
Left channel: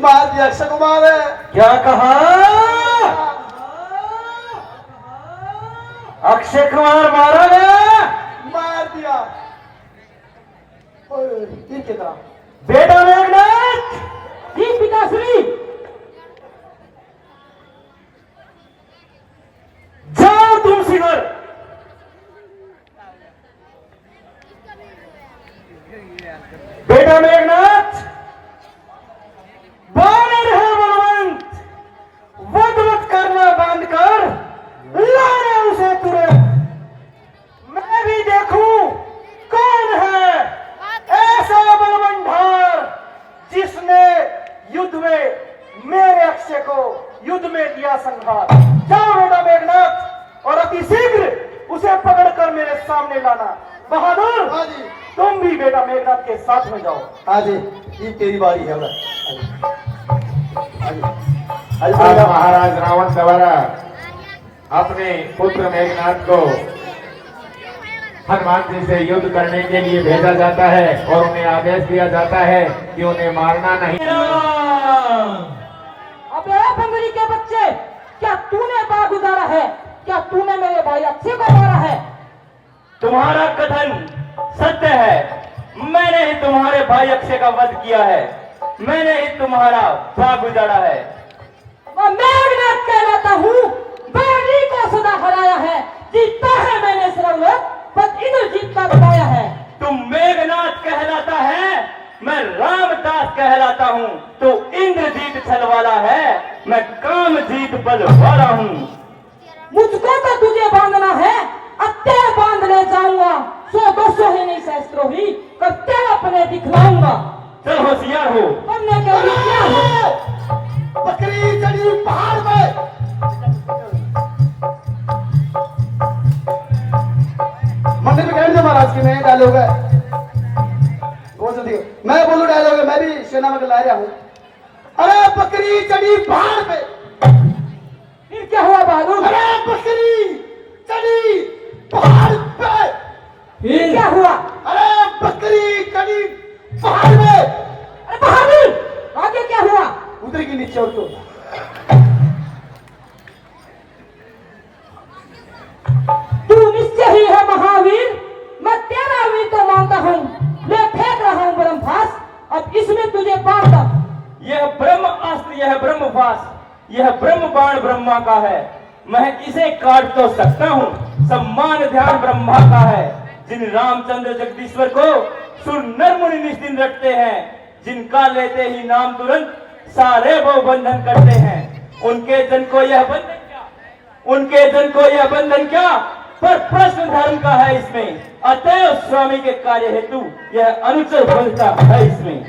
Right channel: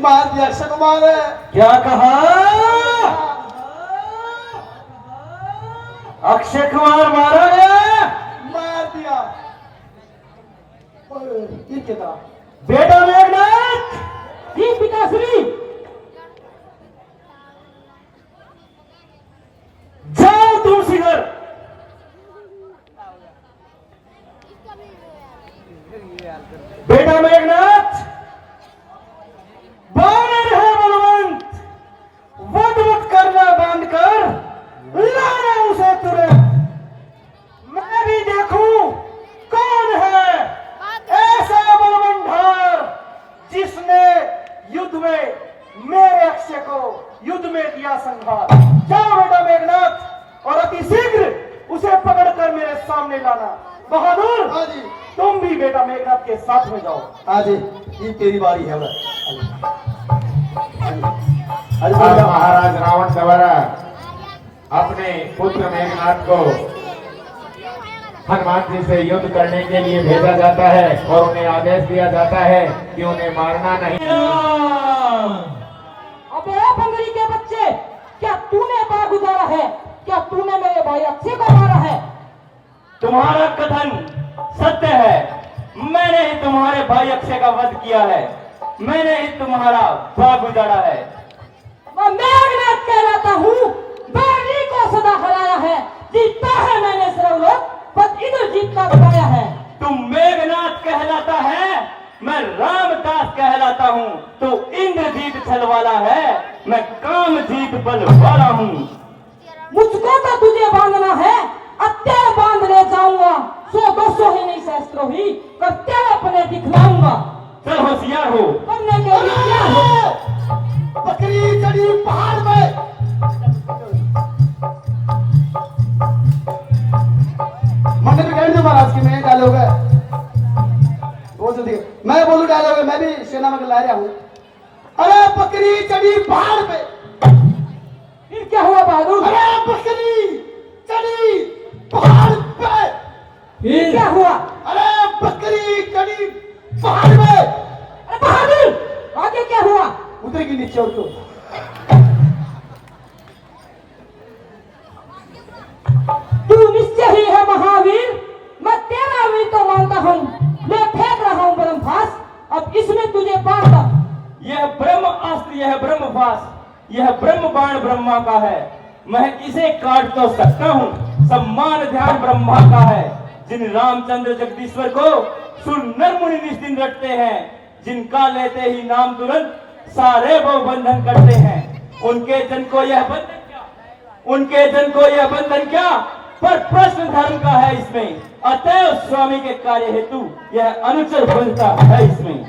मार दिया अक्षय कुमार है। क्या कहा? अक्षय कुमार मारा गया? मार दिया। ओए, ये क्या था? बेटा मेघनाथ, जी पिताश्री। जाओ तुम सिगर। बेटा मेघनाथ, बानर है बलवंत, वध करना बंद कर, लाना उसे तुरंत। मैं भी देखूं कौन है ऐसा बलवंठार जिसने युद्ध में मेरे अक्षय को युद्ध में दिया संहार। जाओ बेटा मेघनाथ और अति शीघ्र उसे पकड़कर मेरे सामने लाना। बहादुर, हाँ जी, तुम भी बेटा मेघनाथ के साथ में जाओ। हाँ जी, ये तेरी बारी है। आज महाराज रावण द्वारा अपने पुत्र मेघनाथ को हनुमान जी से युद्ध करने के लिए भेजा जाता है और उन्हें आदेश दिया जाता है कि उन्हें मारना नहीं। अबे बंदरी के बच्चे, क्या तूने बाग उजाड़ा है? क्या तूने मेरे भाई अक्षय को मारा है? तुम्हारा कथन सत्य है। मैंने ही तुम्हारे भाई अक्षय का वध किया है, मैंने ही तुम्हारा बाग उजाड़ा है। मैं मेघनाथ कहलाता हूँ, बंदरी को सदा हराया है, जीता है मैंने सर्वलोक, पर इधर जीतना बताया है। तुम मेघनाथ कहलाता है, मैं रामदास कहलाता हूँ। तो इंद्रजीत छल वाला है, मैं कामजीत बल वाला हूँ। मुझको तो तुझे बांधना है, अत्ते बांध ले जाऊंगा, 100-200 ही नहीं सहस्त्रों ही करते अपने दिखलाऊंगा। चल होशियार हो। करने के लिए क्या हो? बकरी चढ़ी पहाड़ पे। मंदिर में बैठ दो महाराज की, मैं डालोग है वो जल्दी। मैं बोलूं डालोग है, मैं भी सेना में ला रहा हूँ। अरे बकरी चढ़ी पहाड़ पे। फिर क्या हुआ बहादुर? अरे बकरी चढ़ी पहाड़ पे। फिर क्या हुआ? अरे बकरी छोड़ दो। तू निश्चय ही है महावीर, मैं तेरा वीर तो मानता हूँ। मैं फेंक रहा हूँ ब्रह्मभास, अब इसमें तुझे बांधता। यह ब्रह्म अस्त्र, यह ब्रह्मभास, यह ब्रह्म बाण ब्रह्मा का है। मैं इसे काट तो सकता हूँ, सम्मान ध्यान ब्रह्मा का है। जिन रामचंद्र जगदीश्वर को सुर नर मुनि निज दिन रटते हैं, जिनका लेते ही नाम तुरंत सारे वो बंधन करते हैं। उनके जन को यह बंधन क्या, उनके जन को यह बंधन क्या, पर प्रश्न धर्म का है इसमें। अतएव स्वामी के कार्य हेतु यह अनुचर बनता है इसमें।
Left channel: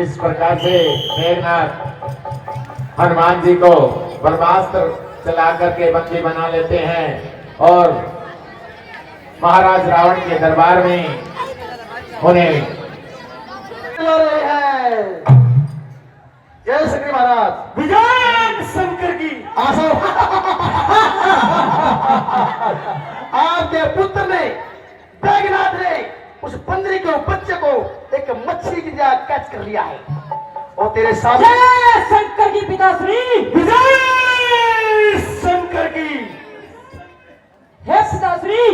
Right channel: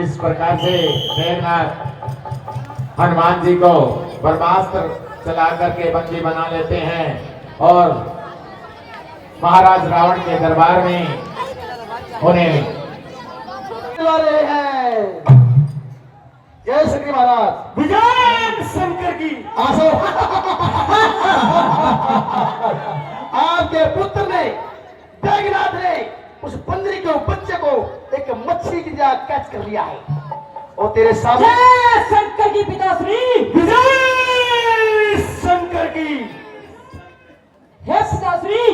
इस प्रकार से मेघनाथ हनुमान जी को ब्रह्मास्त्र चला करके बंदी बना लेते हैं और महाराज रावण के दरबार में उन्हें ला रहे हैं। जय श्री महाराज। विजय शंकर की। आसो आपके पुत्र ने, बैगनाथ ने उस बंदरी के बच्चे को एक मछली की तरह कैच कर लिया है और तेरे सामने। जय शंकर की पिताश्री। विजय शंकर की। हे पिताश्री,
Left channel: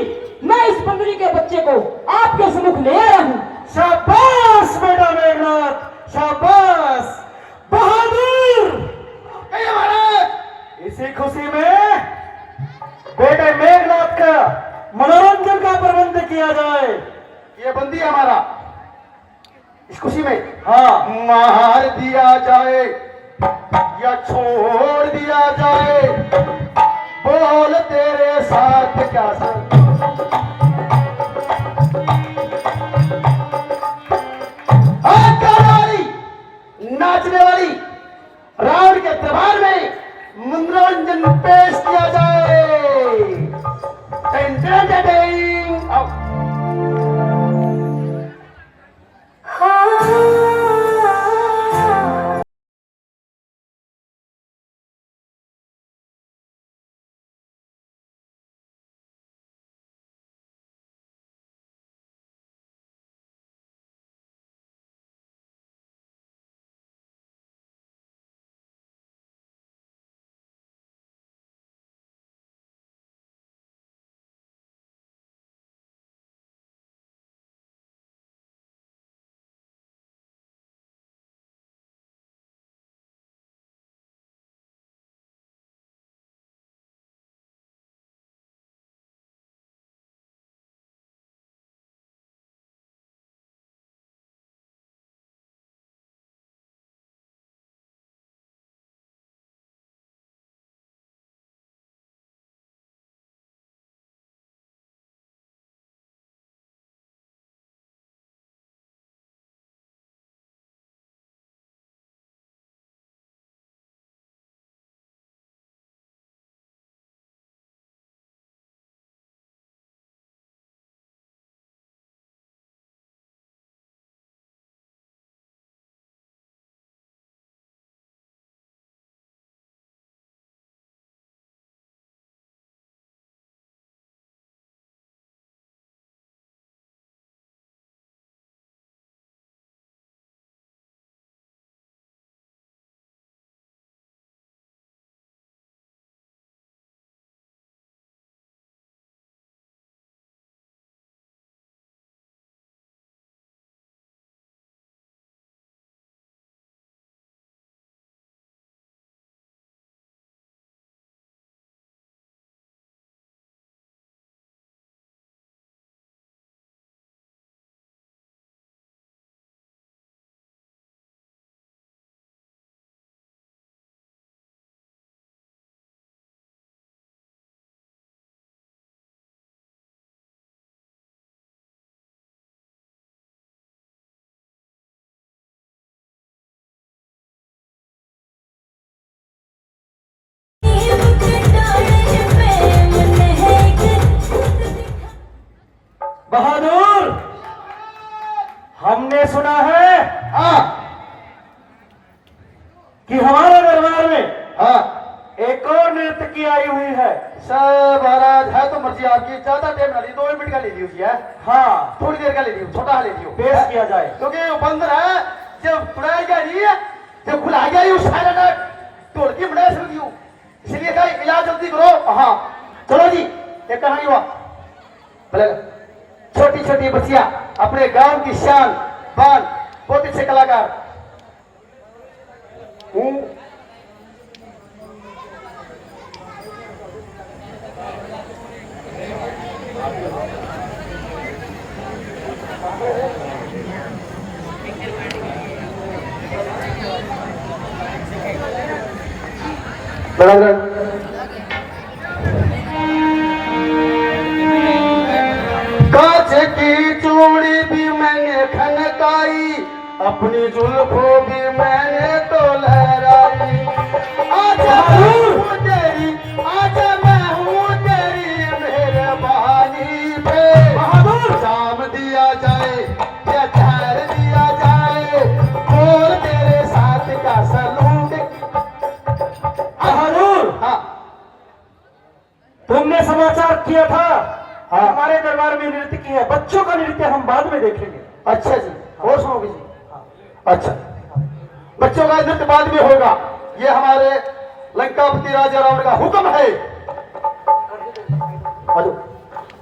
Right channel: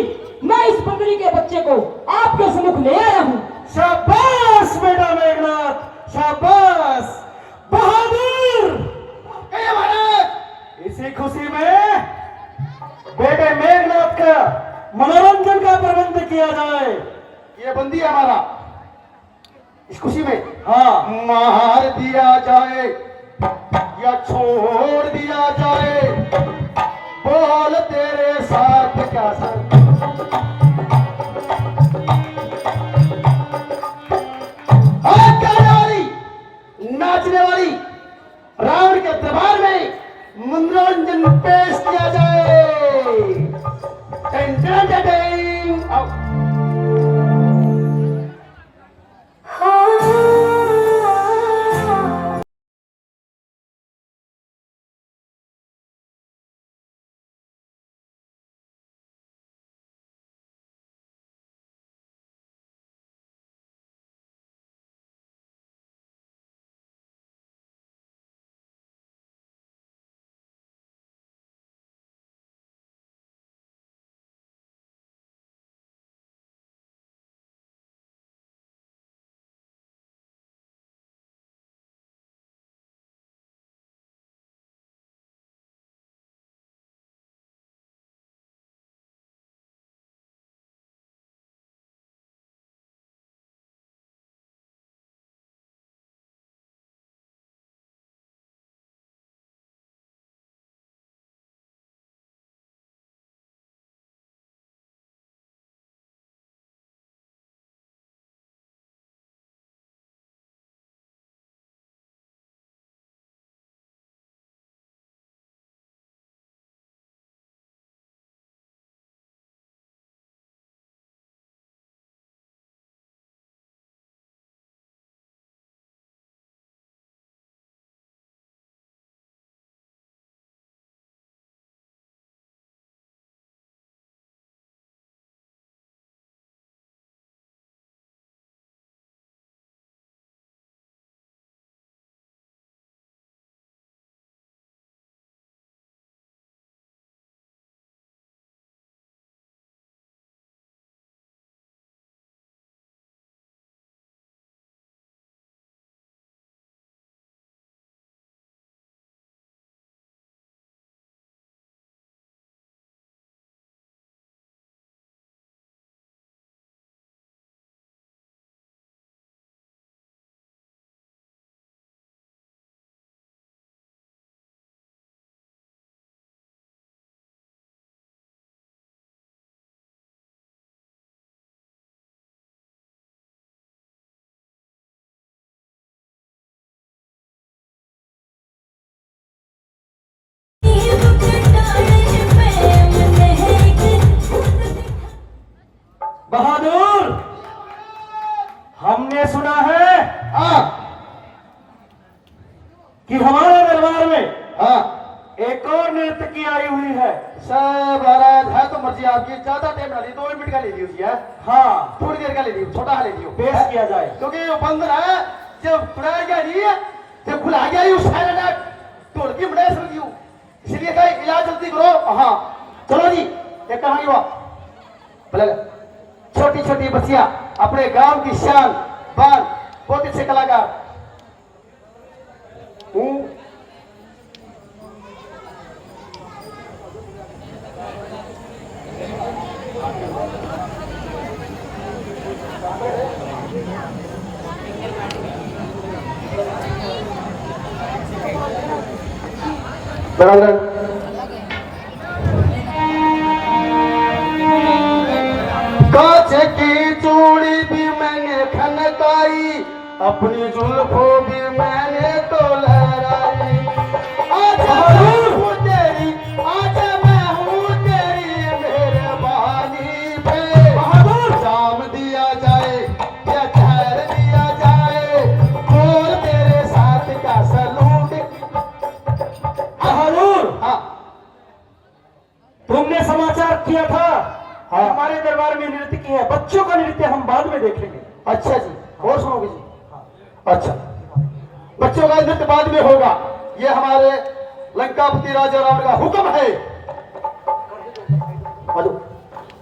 मैं इस बंदरी के बच्चे को आपके सम्मुख ले आया हूँ। शाबाश बेटा मेघनाथ, शाबाश बहादुर। कहिए महाराज। इसी खुशी में बेटे मेघनाथ का मनोरंजन का प्रबंध किया जाए। ये बंदी है हमारा, इस खुशी में हाँ, मार दिया जाए या छोड़ दिया जाए, बोल तेरे साथ क्या सर। गाने वाली, नाचने वाली रावण के दरबार में मनोरंजन पेश किया जाए। Ten ten ten ten. आओ। बहादुर, हमने सुना है हाँ कि हमारे दरबार में हाँ एक और नर्तकी आई हुई है। सर महाराज, है तो मर्जी आपकी, ज्यादा टाइम ना ली, 2 मिनट का ले लियो जी है। हाँ, थोड़ी देर का ले लियो, छोटा ले लियो, पेश किया जाए। क्योंकि वो बंदर है जब खुला गया नहीं है, जब खुला गया उस सारा ना तोड़ के बड़ा समझ गया, इसलिए कहा इलाज जल्दी करो। हाँ चलो जी, ये कहानी हुआ पहले छोटी छोटी बच्चियां अपने गांव की शान बान, बहुत अच्छे कलाकार। कांच की चूड़ी भी मैंने खनकाई, अपनी जुल्फों भी मैंने तो लहराई। आजा मैं हूँ तेरी, आजा मैं हूँ तेरी मेहरबानी पे, जाम दिया जाए या ठहर दिया जाए, और तेरे साथ का सलूट। बहादुर, हाँ तुमने समाचार किया था हमारे दरबार में नृत्य की है, बच्चों का नृत्य हम बाद में देखेंगे। अच्छा जी, और सुनोगे जी? अच्छा, बच्चों का नृत्य बाद में होगा, ये हमारे लंकापति राजा रावण का हुक्म है। आजो,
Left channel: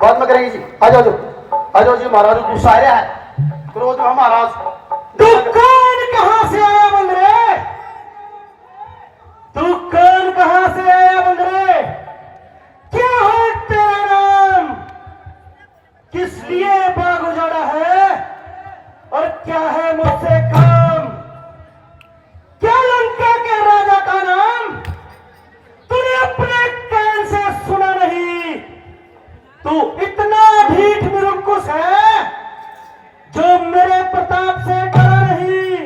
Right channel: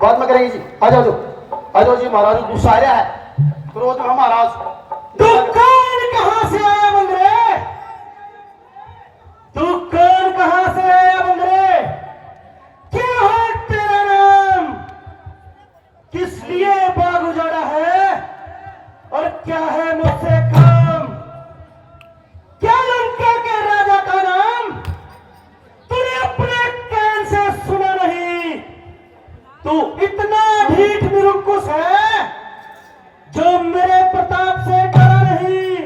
बाद में करेंगे जी। आ जाओ, आ जाओ जी। महाराज गुस्सा आ रहा है, क्रोध में महाराज। तू कौन कहां से आया बंदरे? तू कौन कहां से आया बंदरे? क्या है तेरा नाम? किस लिए बाग उजाड़ा है? और क्या है मुझसे काम? क्या लंका के राजा का नाम तूने अपने कान से सुना नहीं? तू इतना ढीठ निरंकुश है जो मेरे प्रताप से डरा नहीं।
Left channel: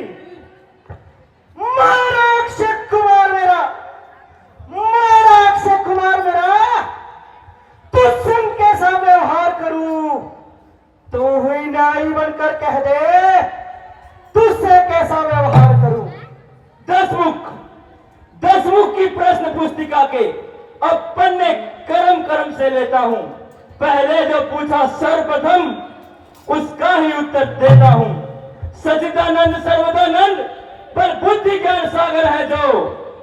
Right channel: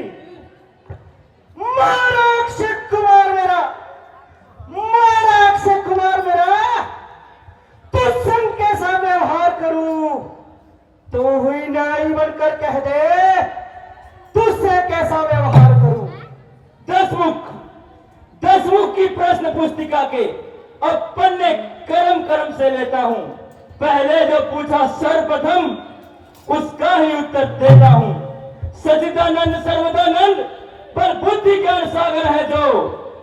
मारा अक्षय कुमार मेरा, मारा अक्षय कुमार मेरा, तुझसे कैसा व्यवहार करूं? तू हुई नाई बनकर कह दे, तुझसे कैसा व्यवहार करूं? दसमुख की प्रश्न पुस्तिका के अब पन्ने करम करम से लेता हूं। पहले जो पूछा सर्वप्रथम उसका ही उत्तर देता हूं। सचिदानंद सर्वदानंद पर बुद्धि ज्ञान सागर है जो,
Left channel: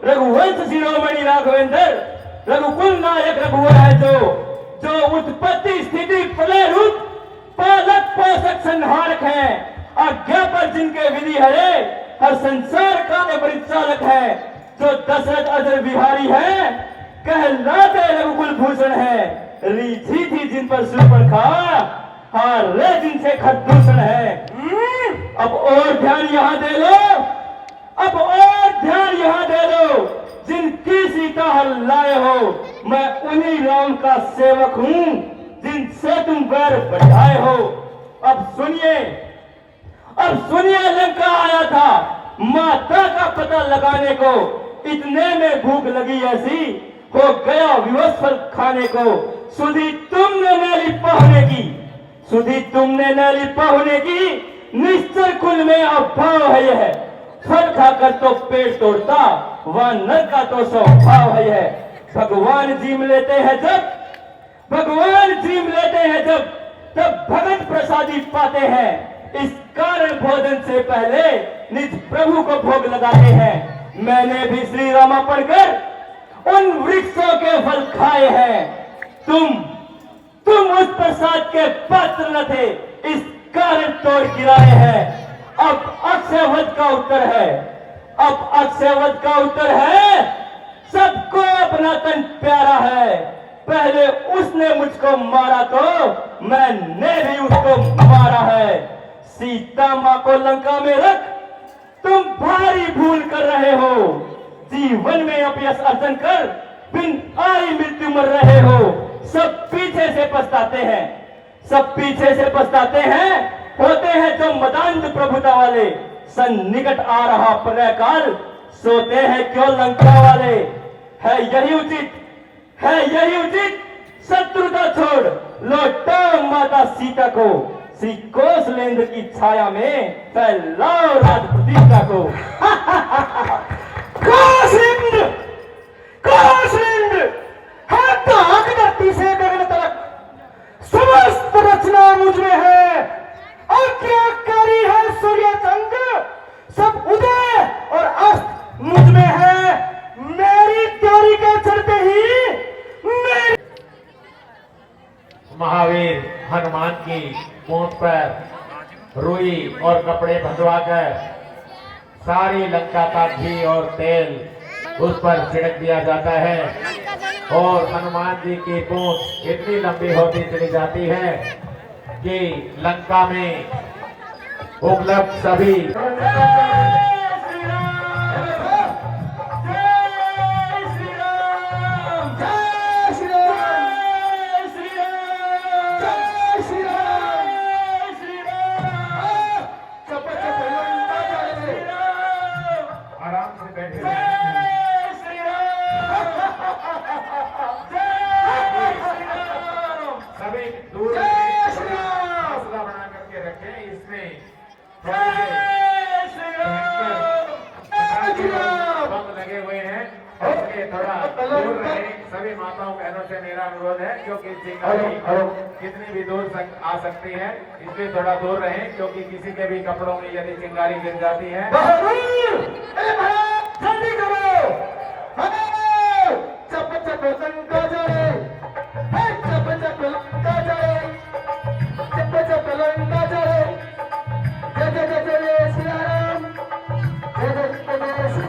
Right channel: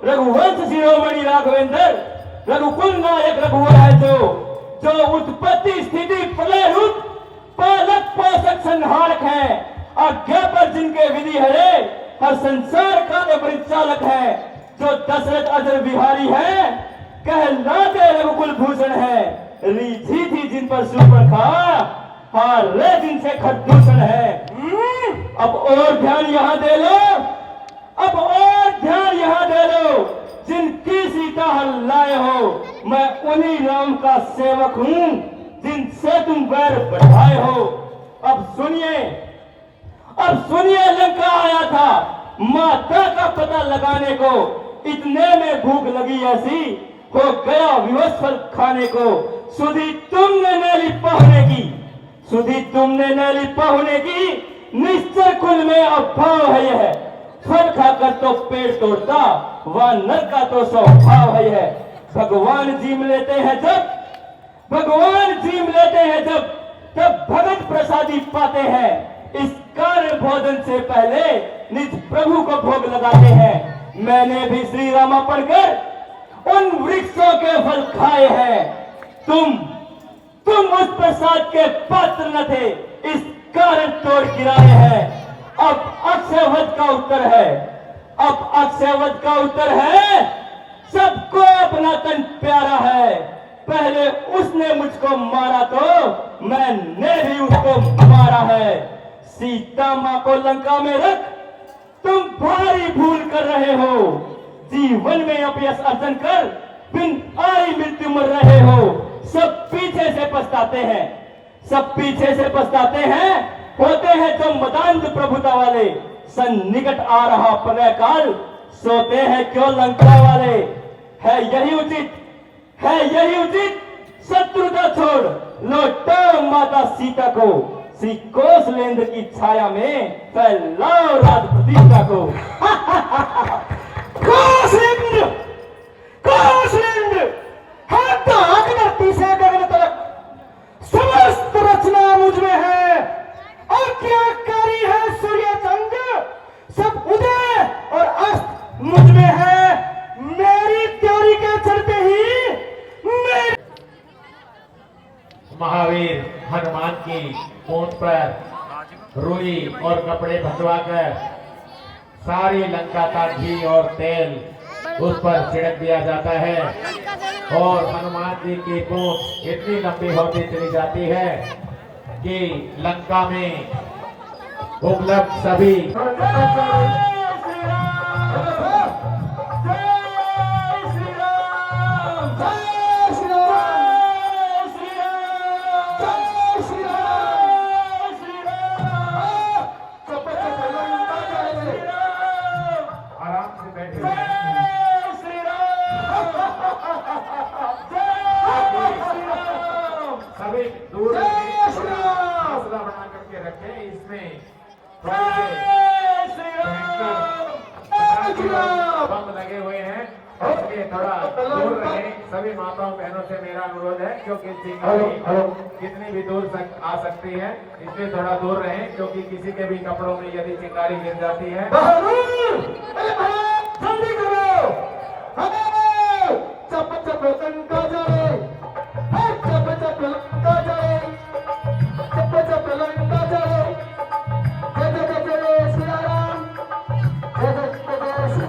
रघुवंश शिरोमणि राघवेंद्र रघुकुल नायक रघुवर है जो उत्पत्ति स्थिति प्रलय रूप पालक पोषक संहारक है, आज्ञा पर जिनके विधि हरे हर संसार का परिचालक है, जो दशरथ अजर बिहारी है कहलाते रघुकुल भूषण है, रीझी थी जिन पर सुपर्णखा हारे जिनसे खरदूषण है। अब और ध्यान यहाँ दे लो, अब और ध्यान यहाँ दे लो, जिनकी सीता हल लाए हो मैं उन्हीं राम का सेवक हूँ जिनसे तुम वैर बढ़ाए हो। अब सुनिए लंका आया था माता का पता लगाने को, इतने में भूख लगी ऐसी हो गया विवश फल खाने को। सुधी तुमने नैली पहुने की निश्चय कुल में अभाव है यह, फल खाकर तो पेट तोड़ता वह नर का तो स्वभाव है यह। भगवान जीम लेते हैं जब तब भगत प्रसादी पाते हैं, इस कारण भोजन से पहले निज प्रभु को भोग लगाते हैं। मैंने भी श्री रामा पढ़कर उन वृक्षों के फल खाए हैं, तुम उस प्रसाद के पात्र न थे, इस कारण तोड़ गिराए हैं। अब अक्षय वध का उत्तर है सबको अपना तन प्यारा है। पहले उसने मुझको मारा तो मैंने भी उसको मारा है। सीता माँ को लंका में रख तुम भारी भूल कर रहे हो, जीवन में अपयश अर्जन कर बिन आई मृत्यु मर रहे हो। सब पीछे से पछताते हैं, होते हैं जो मदान्ध प्रभुता वाले। सन्निकट आ रहा प्रलय काल, सोते हैं क्यों लंका वाले। है यही उचित शत्रुता छोड़ लौटाओ माता सीता को, श्री कौशलेंद्र की छाया में फैलाओ राज प्रतिष्ठा को। कौशलेंद्र हाथ धरती से गगन तक समस्त रचना मुझ में है, आज्ञाकारी है सूर्य चंद्र, सब पूंछ पर रुई और कपड़े बंधवाकर सारी लंका का घी और तेल उस पर छिड़क दिया जाता है और हनुमान जी की पूंछ इतनी लंबी होती चली जाती है कि लंका में उपलब्ध सभी आराम से बैठे सभी दूर हौसला बना करके रखें। इसमें बम लगे हुए हैं, इसलिए थोड़ा दूर रहे। सभी माताओं बहनों से मेरा अनुरोध है, क्योंकि चिंगारी कितनी भी दूर आ सकती है, इसलिए थोड़ा दूर रहें, क्योंकि किसी के भी कपड़ों में यदि चिंगारी गिर जाती है। जल्दी करो, चप चप लंका जाए, चप चप लंका जाए, चप चप लंका जाए। जय जय जय जय सिया राम, जय जय जय जय।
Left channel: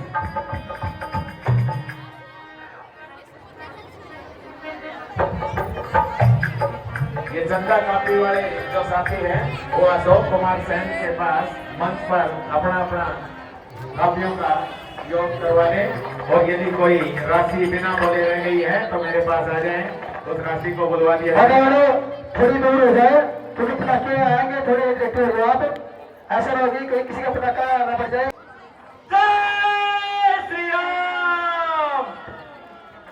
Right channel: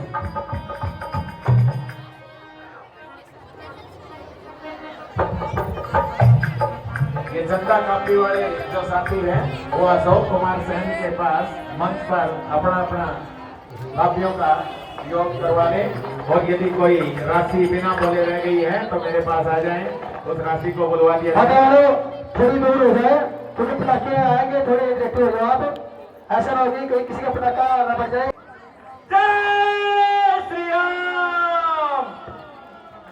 ये जनता कापी वाले जो साथी हैं, वो अशोक कुमार सैन के पास मंच पर अपना अपना कापियों का योग करवा लें और यदि कोई राशि बिना बोले रह गई है तो मेरे पास आ जाएं, उस राशि को बुलवा दिया जाए। थोड़ी दूर हो जाए, क्योंकि पटाखे आएंगे, थोड़े देखते हो आप, ऐसा ना हो कि कोई किसी का पटाखा ना बच जाए। जय श्री राम,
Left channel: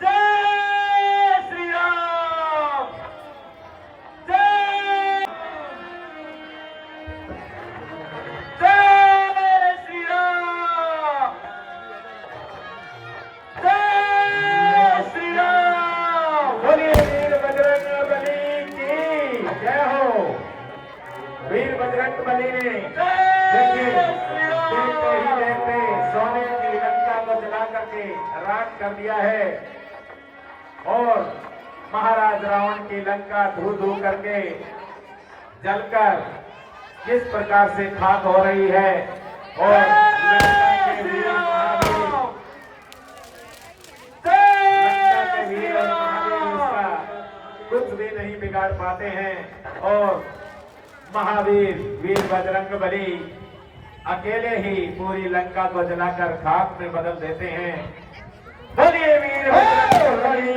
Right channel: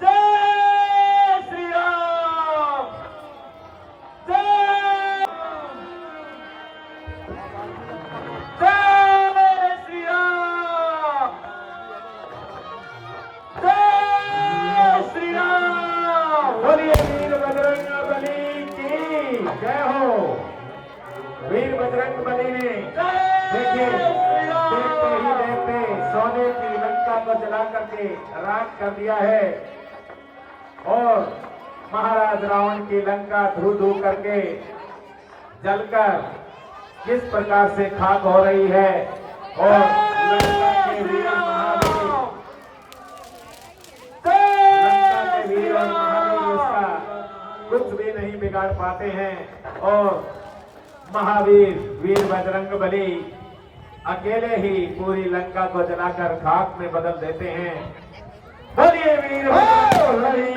जय श्री राम, जय श्री राम, जय श्री राम। बोलिए वीर बजरंग बली की जय हो। वीर बजरंग बली ने देखिए देखते ही देखते सोने की लंका को जला करके राख कर दिया है और महाराज रावण की लंका धू धू करके जलकर किस प्रकार से खाक हो रही है और लंका के वीर महावीर उसका कुछ भी नहीं बिगाड़ पाते हैं और महावीर वीर बजरंग बली अकेले ही पूरी लंका को जलाकर खाक में बदल देते हैं। बोलिए वीर बजरंग बली